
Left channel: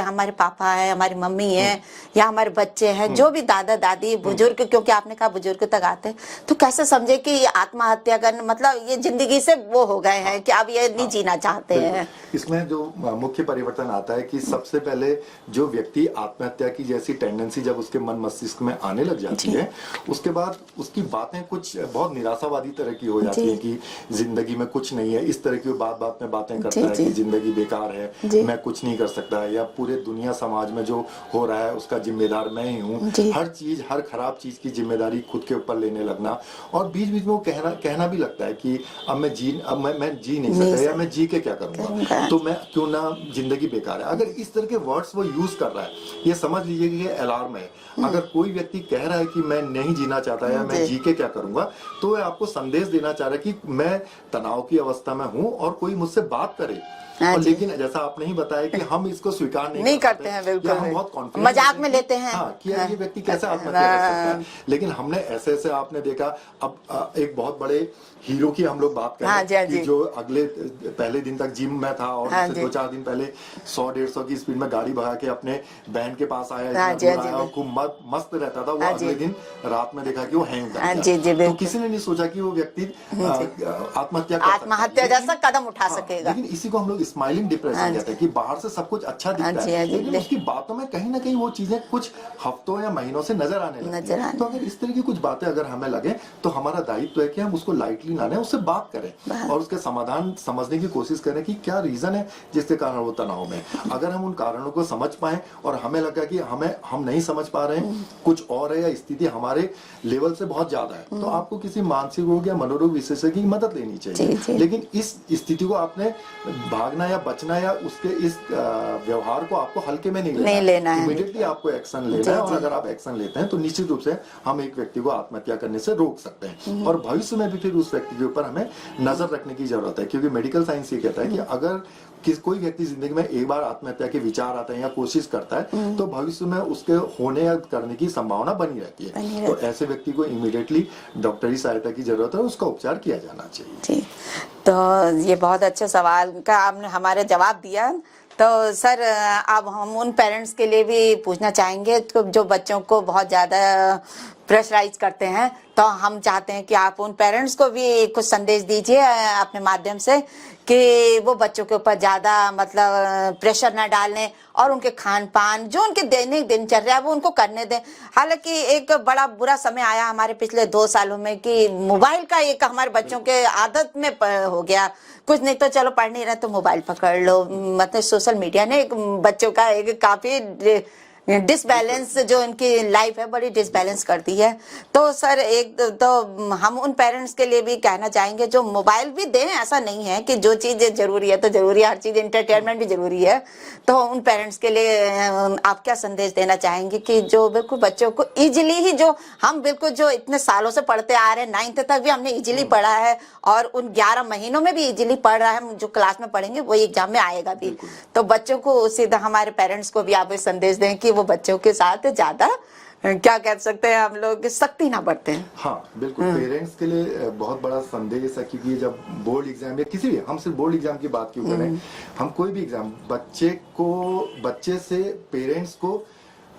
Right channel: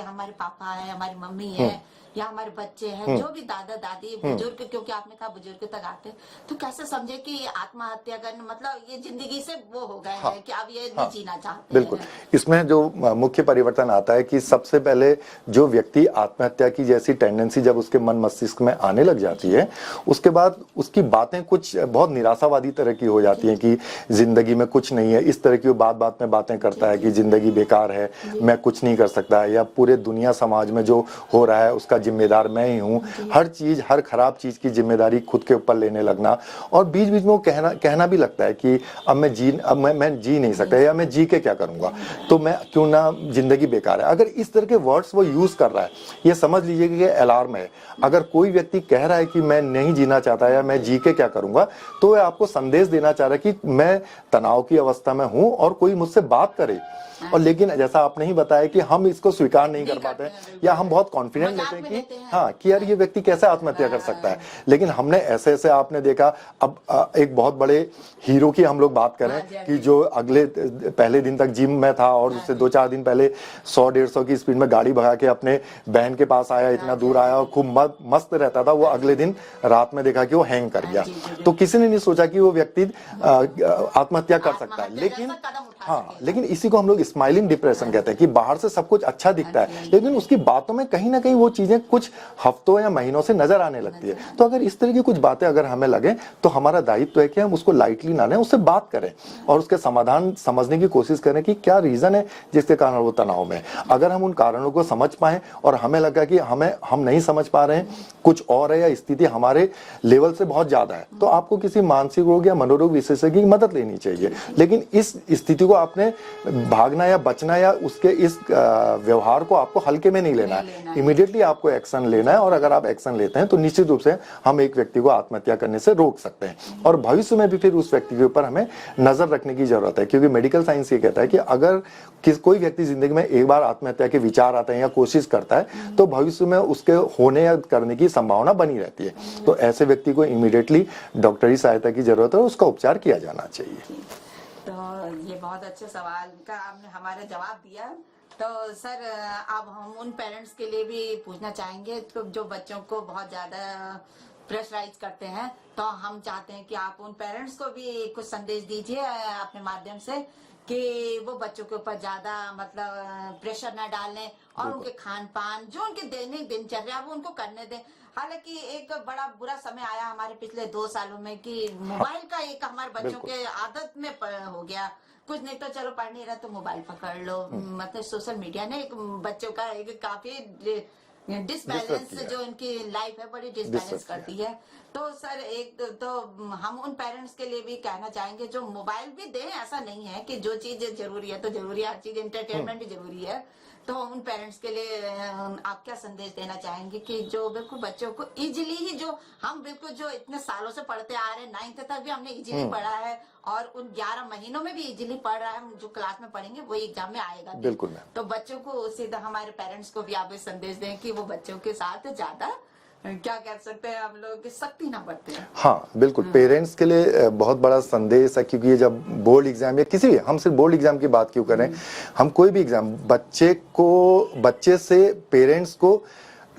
हमारे पापा है, हमारी मम्मी है, या हमारे बच्चे हैं, जो भी दादा दादी बुजुर्ग, क्योंकि आपने कहा बुजुर्ग तक आते हैं, तो कैसे समझे कि ये आत्महत्या करना मतलब ये जिंदगी से वो हो गए हैं कि अब ये नहीं जीना चाहते हैं। इसमें जो मुख्य परिवर्तन आता है कि सबसे पहले जो व्यक्ति आत्महत्या की जैसी टेंडेंसी जब उसके मन मस्तिष्क में आने लग जाती है, उसके बाद उसकी बातें कुछ बहुत निराशावादी तरह की हो जाती है कि जिंदगी में कुछ नहीं है। इस तरह की वो बात में बातें करता है कि जिंदगी बेकार है, मैं कुछ नहीं कर सकता, या पूरे दुनिया समाज में जो हो रहा है उसका जिम्मेदार मैं ही हूँ, हर खराब चीज की जिम्मेदारी खुद के ऊपर लेने लगना, और बीच बीच में वो कहना भी लगता है कि अब मैं जी नहीं सकता, या मैं जी के क्या करूंगा, तो मैं क्यों ना, जिंदगी बेकार है। अगर इस तरह के वर्ड्स वो यूज कर रहा है, ये समझ लीजिए कि ये अलार्म है। अगर कोई व्यक्ति कह रहा है कि मैं नहीं जीना चाहता या मैं जी के क्या करूंगा, तो वह आपको संदेश देना चाह रहा है कि मैं तनाव की अवस्था में हूं, और कोई मुझसे बात करे हाँ और जी। लेकिन जैसा आपने ही बताया कि हम इसको स्वीकार नहीं कर करते पाते हैं, बिल्कुल या हम बहुत कॉन्फिडेंट मजाक में लेते हैं। हाँ कि यार ये व्यक्ति कैसे आत्महत्या कर सकता है, लेकिन हमने ऐसे ऐसे आपने देखा। अब एक बहुत बड़े हीरो की हम लोग बात करें हाँ जी, हाँ कि जी। जो अगले पहले दिन तक जिम में था और हाँ उससे जी। 2-4 दिन पहले 100-150 की स्पीड में गाड़ी भगा के अपने बहन के पास आया, इतना हाँ जी, दूर हाँ जी, आया और खूब मस्त रहता था वो। हाँ जी। अगले दिन रात में देखा कि वो हैंग कर हाँ गया। जी, जी, तो बिल्कुल। किसी ने नहीं सोचा कि वो व्यक्ति आत्महत्या कर सकता है। आत्महत्या जैसा कदम उठा हाँ, सकेगा। लेकिन इसी को हम लोग स्माइलिंग डिप्रेशन हाँ कहते हैं कि बाहर से सब कुछ अच्छा दिखता जी, है हाँ जी। लेकिन उसकी बातों में कहीं ना कहीं वो चीजें कुछ हफ्तों या महीनों से नजर आने लगती नजर है। आने तो अगर इस तरह की कुछ बातें अगर हमें लगे तो हमारा दायित्व है कि हम उसको लाइटली ना लें, उससे बात करें और उसके समाधान समझने की कोशिश करें कि क्या रीजन है जिसके कारण वो तनाव में। अगर हम उन कारणों को समझ पाए और हमें लगा कि हम नहीं समझ पा रहे हैं, कुछ और है या स्थिति हमारे लेवल से बहुत ज्यादा है, तो आपको किसी मानसिक रोग या मनोरोग विशेषज्ञ की मदद लेनी चाहिए। जी। लेकिन इस स्थिति को आपने भागना या बचना या उसके इस व्यवहार को आपको हल्के में नहीं लेना है। इमीडिएटली आपको एक्शन लेना है और अगर आप एक्शन लेते हैं तो निश्चित रूप से हम एक व्यक्ति को आत्महत्या करने से रोक सकते हैं और भविष्य में भी फिर उस व्यक्ति के ऊपर हमें नजर रखने की जरूरत है, क्योंकि मेडिकल साइंस ये कहता है कि अगर कोई व्यक्ति जिंदगी में एक बार आत्महत्या के विचार आते हैं या कोशिश करता है तो भविष्य में उसके होने या करने की संभावना बनी रहती है। तो ऐसे व्यक्ति को इमीडिएटली डॉक्टरी सहायता की जरूरत है, उसका उपचार किया जाना चाहिए। जी, तो ये बहुत अच्छे सवाल का आपने हमारे जवाब दिया। तो सर अब हम उन पेरेंट्स के लिए भी पूछना चाहेंगे तो जो बच्चों को बहुत ज़्यादा प्रेशराइज करते हैं, तो हम चाहते हैं कि आप उन पेरेंट्स को भी कुछ संदेश दीजिए अपने माध्यम से कि वो बच्चों के ऊपर ज़्यादा मतलब प्रेशर ना डालें और उनके खान पान जो उनके दैनिक दिनचर्या है वो उनको करने दें। हालांकि एक बड़ा बुरा समय आया हमारे पिछले 2 सालों में कि मोबाइल का एक हमारे बच्चों के आदत में हो गया। कुछ नहीं तो चलो पढ़ नहीं रहे तो मोबाइल पकड़ लो, मतलब सोशल मीडिया ने एक बच्चों का एक काफी डिसबैलेंस जो इनकी लाइफ है बड़ी डिसबैलेंस करती है। तो सर एक तो हम उन पेरेंट्स के लिए भी कहना चाहेंगे जो मोबाइल भी दें, ऐसा नहीं है कि जो चीज जरूरी है तो जरूरी है, हर चीज एंटरटेनमेंट भी जरूरी है। तो उन पेरेंट्स के लिए आप क्या संदेश देना चाहेंगे कि जो बिल्कुल बच्चों को इजीली ही जो हम बिल्कुल जो इतने सालों से पढ़ते आ रहे हैं 9th तक भी हमने इजीली पढ़ा है और उन 11 महीनों में भी इजीली पढ़ रहा है, हम जो क्लास में पढ़ेंगे वही एग्जाम में आएगा भी। तो बच्चों को सीधा हमारे पेरेंट्स को भी आप संदेश दें कि वो बच्चों के साथ ज्यादा क्या कह सकते हैं हम लोग सख्ती ना बरतें। हाँ बिल्कुल, पेरेंट्स के लिए बहुत बड़ा संदेश है, क्योंकि ये जब बोर्ड एग्जाम या किसी भी, हम सिर्फ बोर्ड एग्जाम की बात क्यों करें, हम कोई भी एग्जाम बच्चे से पेरेंट्स को,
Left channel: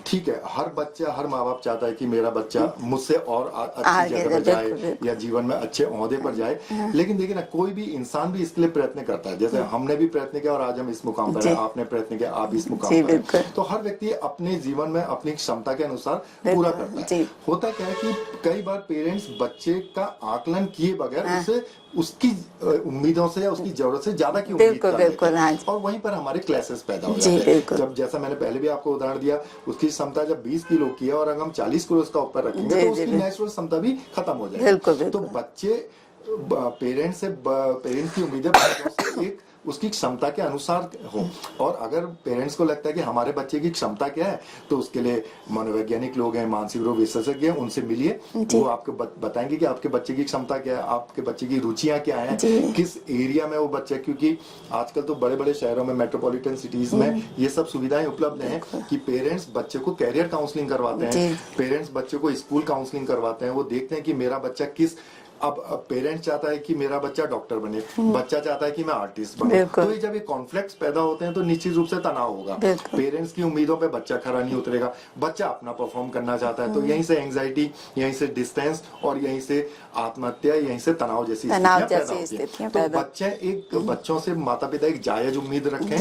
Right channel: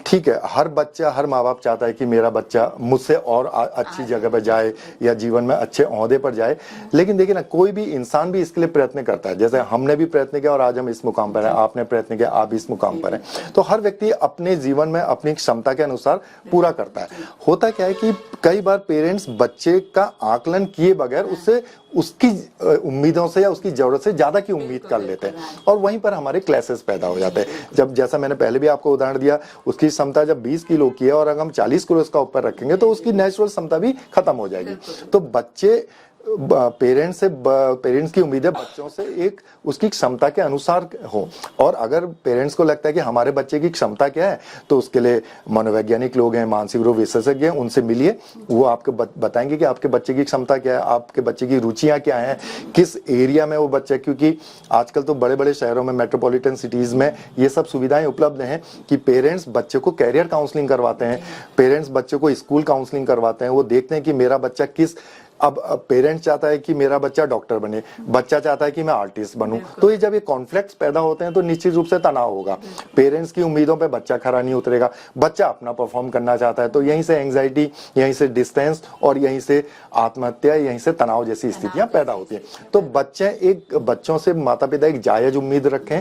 ठीक है हर बच्चा हर माँ बाप चाहता है कि मेरा बच्चा मुझसे और अच्छी जगह पर जाए या जीवन में अच्छे ओहदे पर जाए, लेकिन देखिए ना कोई भी इंसान भी इसके लिए प्रयत्न करता है। जैसे हमने भी प्रयत्न किया और आज हम इस मुकाम पर हैं, आपने प्रयत्न किया आप इस मुकाम पर हैं। तो हर व्यक्ति अपने जीवन में अपनी क्षमता के अनुसार पूरा करता है। होता क्या है कि कई बार पेरेंट्स बच्चे का आकलन किए बगैर उससे उसकी उम्मीदों से या उसकी जरूरत से ज्यादा की उम्मीद कर लेते हैं और वहीं पर हमारे क्लैसेस पैदा हो जाते हैं। जब जैसा मैंने पहले भी आपको उदाहरण दिया, उसकी क्षमता जब 20 किलो की है और अगर हम 40 किलो इसका ऊपर रखेंगे तो उसकी नेचुरल क्षमता भी खत्म हो जाएगी। तो बच्चे पेरेंट्स की उम्मीदें बच्चों से एक उसकी क्षमता के अनुसार हो, और अगर पेरेंट्स को लगता है कि हमारे बच्चे की क्षमता क्या है तो उसके लिए मनोवैज्ञानिक लोग हैं, मानसिक रोग विशेषज्ञ हैं, उनसे मिलिए, वो आपको बताएंगे कि आपके बच्चे की क्षमता क्या है, आपके बच्चे की रुचियां क्या हैं, किस एरिया में वो बच्चा, क्योंकि आजकल तो बड़े बड़े शहरों में मेट्रोपॉलिटन सिटीज में ये सब सुविधाएं उपलब्ध हैं कि पेरेंट्स बच्चे को कैरियर काउंसलिंग करवाते हैं, पेरेंट्स बच्चे को स्कूल काउंसलिंग करवाते हैं, वो देखते हैं कि मेरा बच्चा किस, अब पेरेंट्स चाहता है कि मेरा बच्चा डॉक्टर बने, बच्चा चाहता है कि मैं आर्टिस्ट बनूं, तो ये जब ये कॉन्फ्लिक्ट्स पैदा होते हैं तो निश्चित रूप से तनाव होगा। पेरेंट्स की उम्मीदों पे बच्चा खरा नहीं उतरेगा, बच्चा अपना परफॉर्म करना चाहता है, तो यहीं से एंग्जाइटी, यहीं से डिस्टेंस और यहीं से आत्महत्या, यहीं से तनाव जैसी स्थितियां पैदा होती है। तो बच्चों से माता पिता एक जायज उम्मीद रखें,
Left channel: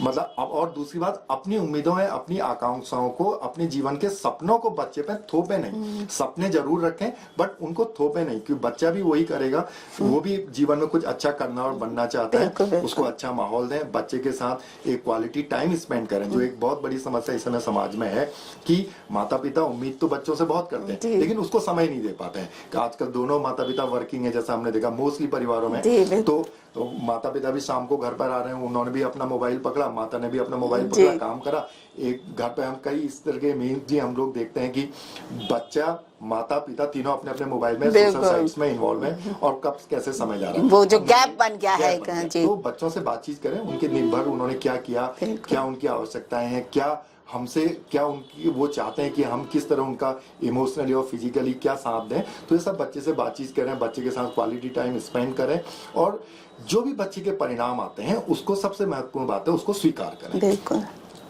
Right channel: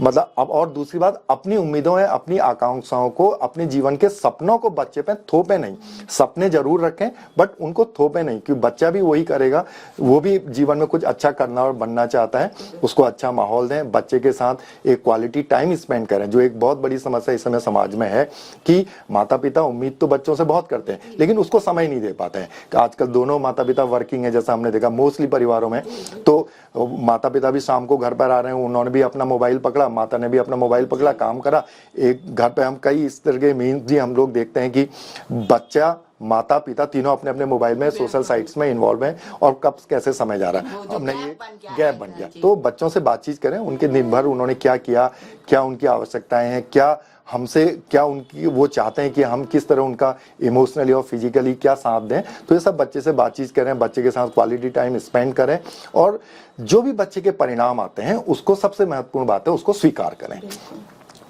मतलब अब, और दूसरी बात अपनी उम्मीदों है, अपनी आकांक्षाओं को, अपने जीवन के सपनों को बच्चे पे थोपे नहीं। सपने जरूर रखें बट उनको थोपे नहीं, क्योंकि बच्चा भी वही करेगा, वो भी जीवन में कुछ अच्छा करना और बनना चाहता है, उसको अच्छा माहौल दें, बच्चे के साथ एक क्वालिटी टाइम स्पेंड करें। जो एक बहुत बड़ी समस्या इस समय समाज में है कि माता पिता उम्मीद तो बच्चों से बहुत करते हैं लेकिन उसको समय नहीं दे पाते हैं। आजकल दोनों माता पिता वर्किंग है, जैसा हमने देखा मोस्टली परिवारों में, तो माता पिता भी शाम को घर पर आ रहे हैं, उन्होंने भी अपना मोबाइल पकड़ा, माता ने भी अपना मोबाइल पकड़ा, काम करा। एक घर पे हम कई इस तरह के मीम्स भी हम लोग देखते हैं कि बच्चा माता पिता तीनों अपने अपने मोबाइल में सोशल साइट्स में इन्वॉल्व हैं और कब कैसे समय जा रहा है, वो जो गैप बन गया है जी। तो बच्चों से बातचीत करें, उनके दिन भर उन्होंने क्या किया, क्या उनकी आवश्यकताएं हैं, क्या हमसे क्या उनकी वो चाहते हैं कि हम किस तरह उनका इमोशनली और फिजिकली क्या साथ दें। तो ये सब बच्चे से बातचीत करें, बच्चे के साथ क्वालिटी टाइम स्पेंड करें और जो भी बच्चे के परिणाम आते हैं उसको सबसे महत्वपूर्ण बात है उसको स्वीकार करें। बिल्कुल,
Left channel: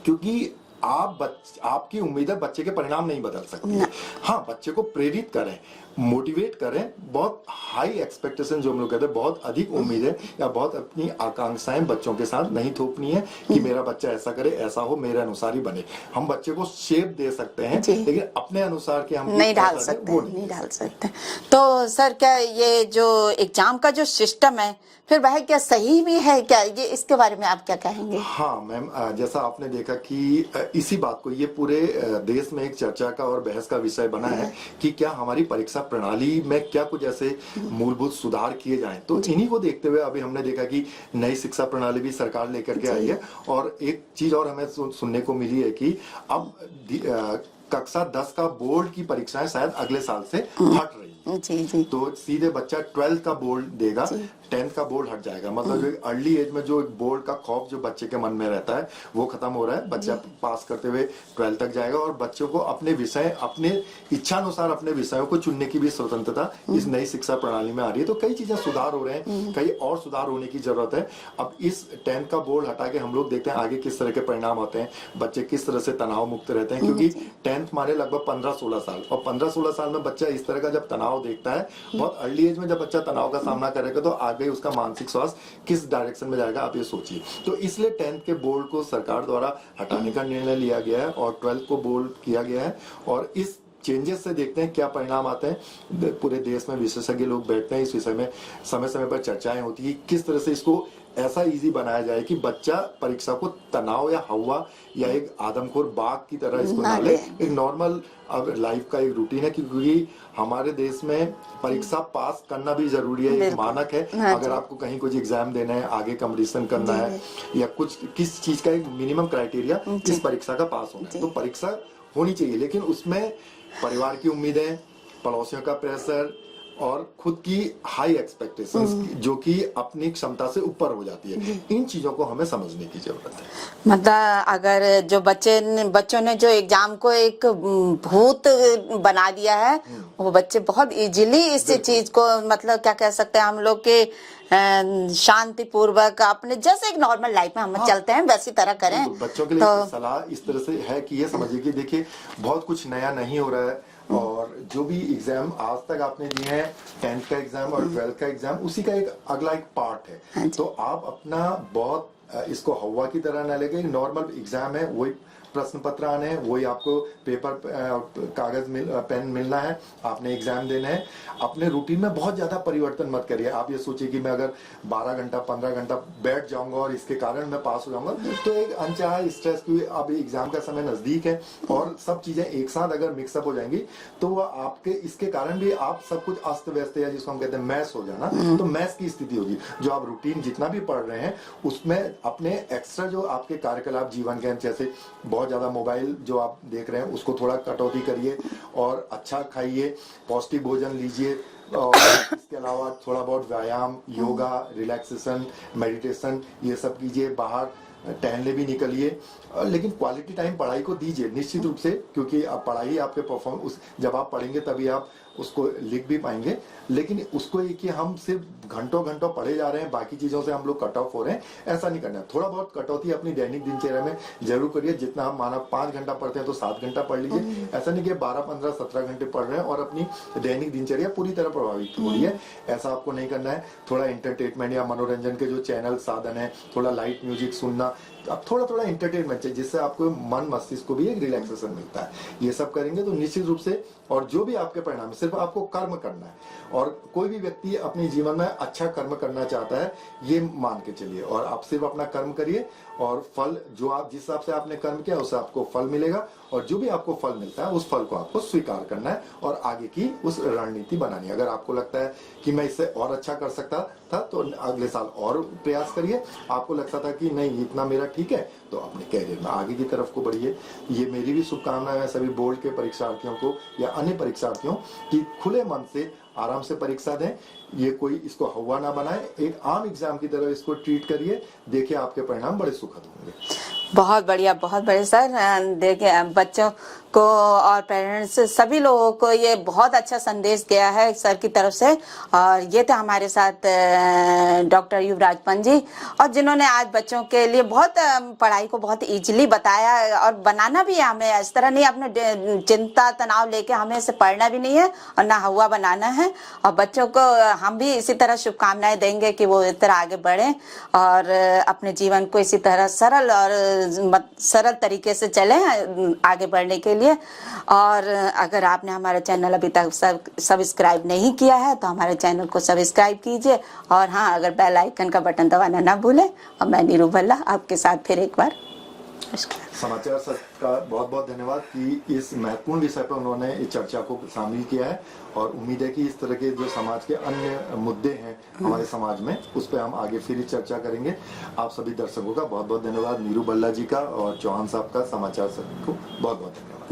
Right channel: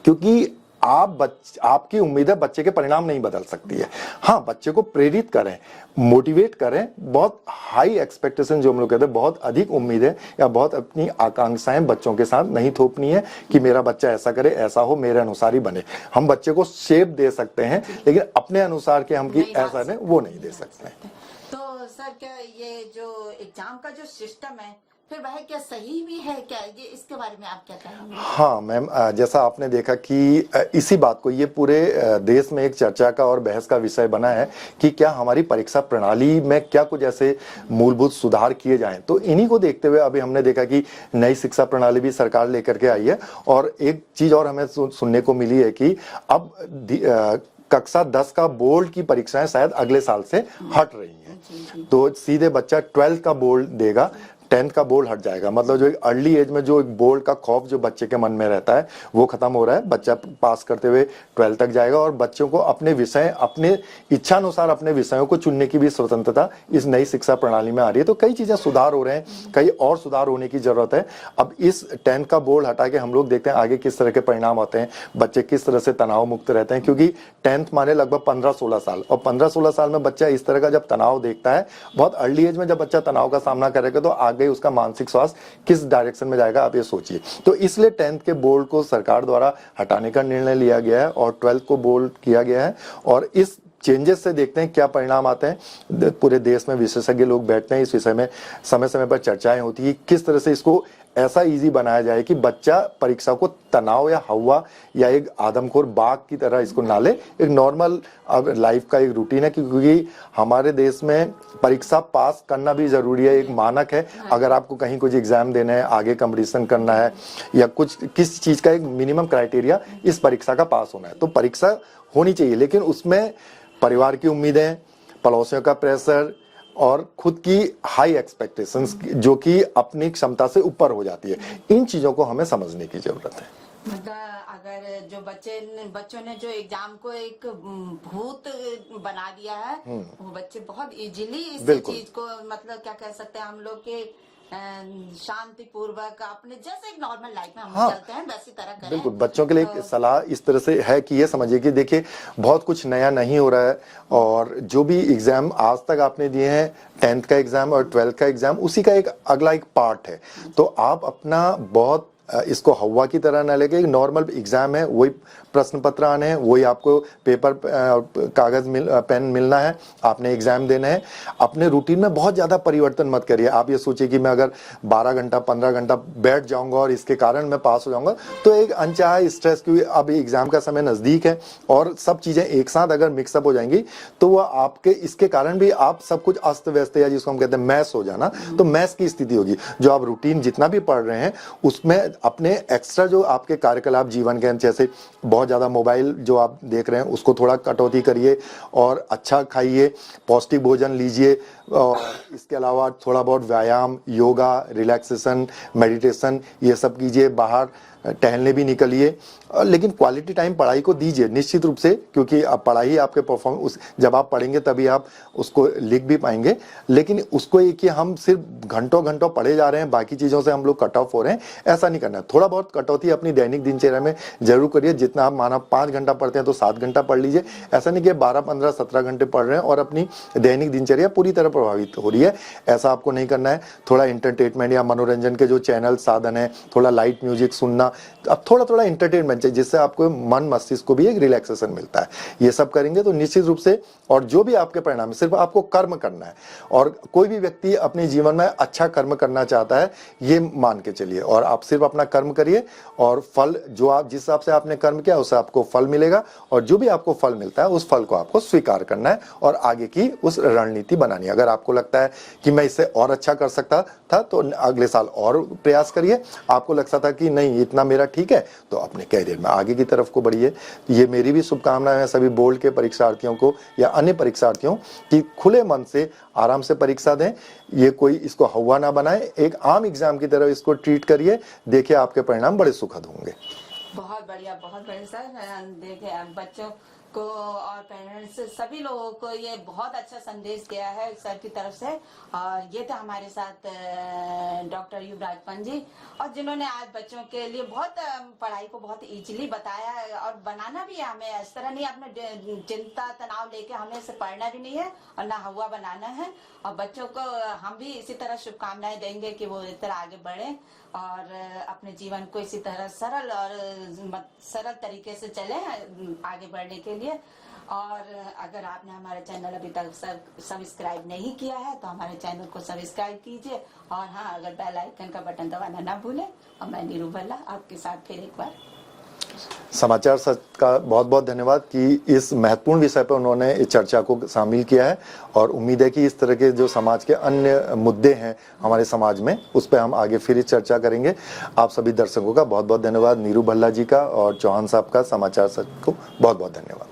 क्योंकि आपकी उम्मीदें बच्चे के परिणाम नहीं बदल सकती है। हाँ, बच्चे को प्रेरित करें, मोटिवेट करें, बहुत हाई एक्सपेक्टेशन जो हम लोग कहते हैं, बहुत अधिक उम्मीदें या बहुत अपनी आकांक्षाएं बच्चों के साथ नहीं थोपनी है कि मेरा बच्चा ऐसा करे, ऐसा हो, मेरे अनुसार ही बने। हम बच्चे को शेप दे सकते हैं लेकिन अपने अनुसार के हम नहीं डाल सकते, वो नहीं डाल सकते। तो सर क्या ये जो एग्जाम का जो सिस्टम है फिर वह क्या सही भी है क्या, ये इसके बारे में आप क्या कहेंगे? हाँ मैम, जैसा आपने देखा कि इसी बात को ये पूरे देश में एक चर्चा का और बहस का विषय बना है कि क्या हमारी परीक्षा प्रणाली में क्या कुछ ऐसे मूलभूत सुधार किए जाएं। तो इन्हीं को देखते हुए अभी हमने देखा कि नई शिक्षा प्रणाली भी सरकार लेकर के आई है और एक चीज और हमें सुनने को मिली है कि अब कक्षा 10 का बोर्ड की परीक्षाएं शायद अगले साल से हट रही हैं। जी। तो सीधे बच्चा 12th का बोर्ड देगा, 10th का बोर्ड हट जाएगा। मतलब जो एक अर्ली एज में जो एक बोर्ड का खौफ जो बच्चे के मन में रहता है वो खत्म हो रहा है। बच्चा पास करते हुए 12th तक जाएगा और बच्चों को अपने विषय, अपने इच्छा अनुसार अपने विषयों को चुनने की भी स्वतंत्रता इस नई शिक्षा प्रणाली में आ रही है। तो कई चीजें सुधार हो रहे हैं, कई और सुधार होने की जरूरत है। अब इस 10th का बोर्ड हटा के हम लोग देखते हैं आगे किस तरह के परिणाम आते हैं, बच्चे किस तरह से तनाव मुक्त रहते हैं। क्योंकि 10th माने लगभग 15-16 साल, और 15-16 साल में बच्चा इस तरह का जब तनाव देखता है, बहुत अर्ली एज में जब बच्चा तनाव का सामना करेगा तो आगे उसका मानसिक स्वास्थ्य किस डायरेक्शन में जाएगा आप ये सोचिए। तो इसलिए 10th के बोर्ड को सरकार द्वारा हटाने का निर्णय लिया गया है और 12th को बोर्ड किया गया है। और इस चेंजेस से देखते हैं क्या परिणाम आते हैं। पूरे देश में विशेषज्ञ लोग बैठते हैं, इस विषय में समय समय पर चर्चाएं होती है किस तरह से इसको ऐसा इजी बनाया जाए कि बच्चा परीक्षा को तनाव या हवा या एक आदमखोर बाघ की तरह इसको ना ले। एक नॉर्मल अब लाइफ का एक रूटीन है, क्योंकि हमारे देश में परीक्षा पास करना भी जरूरी है, एक मानक है। अगर आपको कहीं कुछ एग्जाम देना है, आगे कंपटीशन करना है या कुछ किस चीज का एक मिनिमम क्राइटेरिया इस परीक्षा का पास होना है, तो परीक्षा होनी चाहिए। लेकिन उसमें परिवार की उम्मीदें, पड़ोसियों का प्रेशर और खुद की हाई एक्सपेक्टेशंस जो कि अपनी क्षमता से ऊपर हो जाती है, इन चीजों को हमें समझने की जरूरत है। मतलब अगर जो बच्चों ने जो एग्जाम को एक भूत बना दिया है, वो बच्चे बहुत इजीली इस चीज को मतलब क्या कह सकते हैं हम लोग के शांति पूर्वक अपने जैसे एक नॉर्मल लाइफ में हम चलते हैं वैसी तरह करें। बच्चों के लिए सलाह इस तरह से है कि ये समझिए कि देखिए बहुत कुछ नया नहीं हो रहा है और जो भी एग्जाम आज तक आपने दिए हैं 10th का एग्जाम और 12th का एग्जाम उसी का एक अगला एक पार्ट है। तो आप अपना बहुत इसको हवा की तरह न लेके, एक नॉर्मल एग्जाम है, वही प्रश्न पत्र आने हैं, वही आपको पेपर कागज पेन मिलना है, आपने एग्जाम देना है। अपने रूटीन में बहुत ज्यादा परिवर्तन मत करिए। आप ये सोचिए कि मैं अगर 12 घंटा 15 घंटा बैठ जाऊंगा और इसके कारण मैं पास हो जाऊंगा, तो एक अनचाहा स्ट्रेस, क्योंकि अब एग्जाम का समय नजदीक है और सब चीजें एक साथ अगर मिक्सअप हो जाएंगी तो वह आपके इसके कारण भी आप सब कुछ अस्त व्यस्त या जिसको हम कहते हैं मैस हो जाना, तो मैस की स्थिति होगी। जो आप रूटीन जितना भी पढ़ रहे हैं उसमें अपने एक्स्ट्रा जो आपके कार्यकलाप जीवन के, जैसे बहुत ज्यादा मोबाइल जो आप देख रहे हैं उसको थोड़ा कटौती करिए और अच्छा खाइए, पौष्टिक भोजन लीजिए और इसके अलावा थोड़ा बहुत व्यायाम, योगा, रिलैक्सेशन, मेडिटेशन ये सब कीजिए, बाहर टहलने भी निकलिए, लेकिन क्वालिटी टाइम पढ़ाई को दीजिए निश्चित रूप से, क्योंकि अब पढ़ाई आपके परफॉर्मेंस, जब आप पढ़ेंगे तभी आप उसको लिख भी पाएंगे। लेकिन उसको ये कि हम सिर्फ घंटों घंटों पढ़े जा रहे हैं, बाकी चीज़ों से हम लोग कट ऑफ हो रहे हैं, ऐसा नहीं करना है। थोड़ा बहुत कटौती अपनी दैनिक दिनचर्या में जरूर करिए। जितना आप माना 5 घंटा पढ़ते हैं तो 7 घंटा पढ़ लीजिए। ऐसा नहीं कि 12, 15, 17 घंटे पढ़ रहे हैं और अपनी दैनिक दिनचर्या पूरी तरह प्रभावित हो रही है, ऐसा आपको नहीं करना है। थोड़ा एंटरटेनमेंट या मनोरंजन के जो चैनल साधन है, थोड़ा लाइट म्यूजिक सुनना, अब थोड़ा थोड़ा एंटरटेनमेंट चाहिए जिससे आपको मन मस्तिष्क को भी एक रिलैक्सेशन मिलता है। ये सब करेंगे तो निश्चित रूप से, और जो भी आपके परिणाम, सिर्फ आपको कर्म करना है। और कोई भी व्यक्ति अपने जीवन में अच्छा कर्म करना चाहता है, ये मान के चलिए, और आप सिर्फ अपना कर्म करिए और फल जो आप जिस हिसाब से आपने कर्म किया उससे आपको फल मिलेगा। और जो भी आपको फल मिलता है उस फल को आपको स्वीकार करना है और आगे की उस रणनीति बनानी है। अगर आपको लगता है कि मैं इससे और अच्छा कर सकता था तो अगले साल और प्रयास करिए। आपको लगता था कि नहीं इतना इतना मेरा ठीक है तो अपने कैरियर में आगे की तरफ को बढ़िए। ये मेरी भी शुभकामनाएं हैं सभी बोर्ड के परीक्षार्थियों को या अन्य परीक्षार्थियों कि खुले मन से आराम से परीक्षा दें। ये कोई इसको हवा ना बनाए, एक आम एग्जाम की तरह इसको ट्रीट करिए, देखिए आपके परिणाम बड़े सुखद होंगे। बहुत बढ़िया सर। देखिए बच्चों को और पेरेंट्स सभी लोगों को ये बहुत अच्छा संदेश गया है सर की तरफ से। और ये थे हमारे साथ डॉक्टर युवराज पंत जी, और जिन्होंने आज बच्चों के लिए बहुत पढ़ाई को बहुत इजीली बताया और बनाना भी है। हमें इस तरह नहीं अपने चिंता तनाव लेके हमें इसे पढ़ना भी नहीं है और ना हुआ बनाना है। और बच्चों को हम भी इसी तरह शुभकामनाएं देंगे कि वो इस तरह आगे बढ़ें और अपने जीवन को इसी तरह सरल तरीके से चलें आगे बढ़ने के लिए। और अगर आपने हमारा चैनल अभी तक सब्सक्राइब नहीं किया है तो हमारे चैनल को सब्सक्राइब कीजिए। और हाँ, अगर बेल आइकन का बटन दबाना ना भूलें। और मैं नीरू भल्ला आपके साथ फिर एक बार। समाचार सच का बहुत बहुत धन्यवाद कि इस महत्वपूर्ण विषय पर उन्होंने इस चर्चा को शामिल किया है। और उम्मीद है कि इस तरह के जो समाज के अन्य मुद्दे हैं हमारे समाज में, उस पर हम आगे फिर चर्चा करेंगे। आप सभी दर्शकों का बहुत बहुत धन्यवाद। नीरू भल्ला जी का और चौहान साहब का समाचार सच को बहुत बहुत धन्यवाद।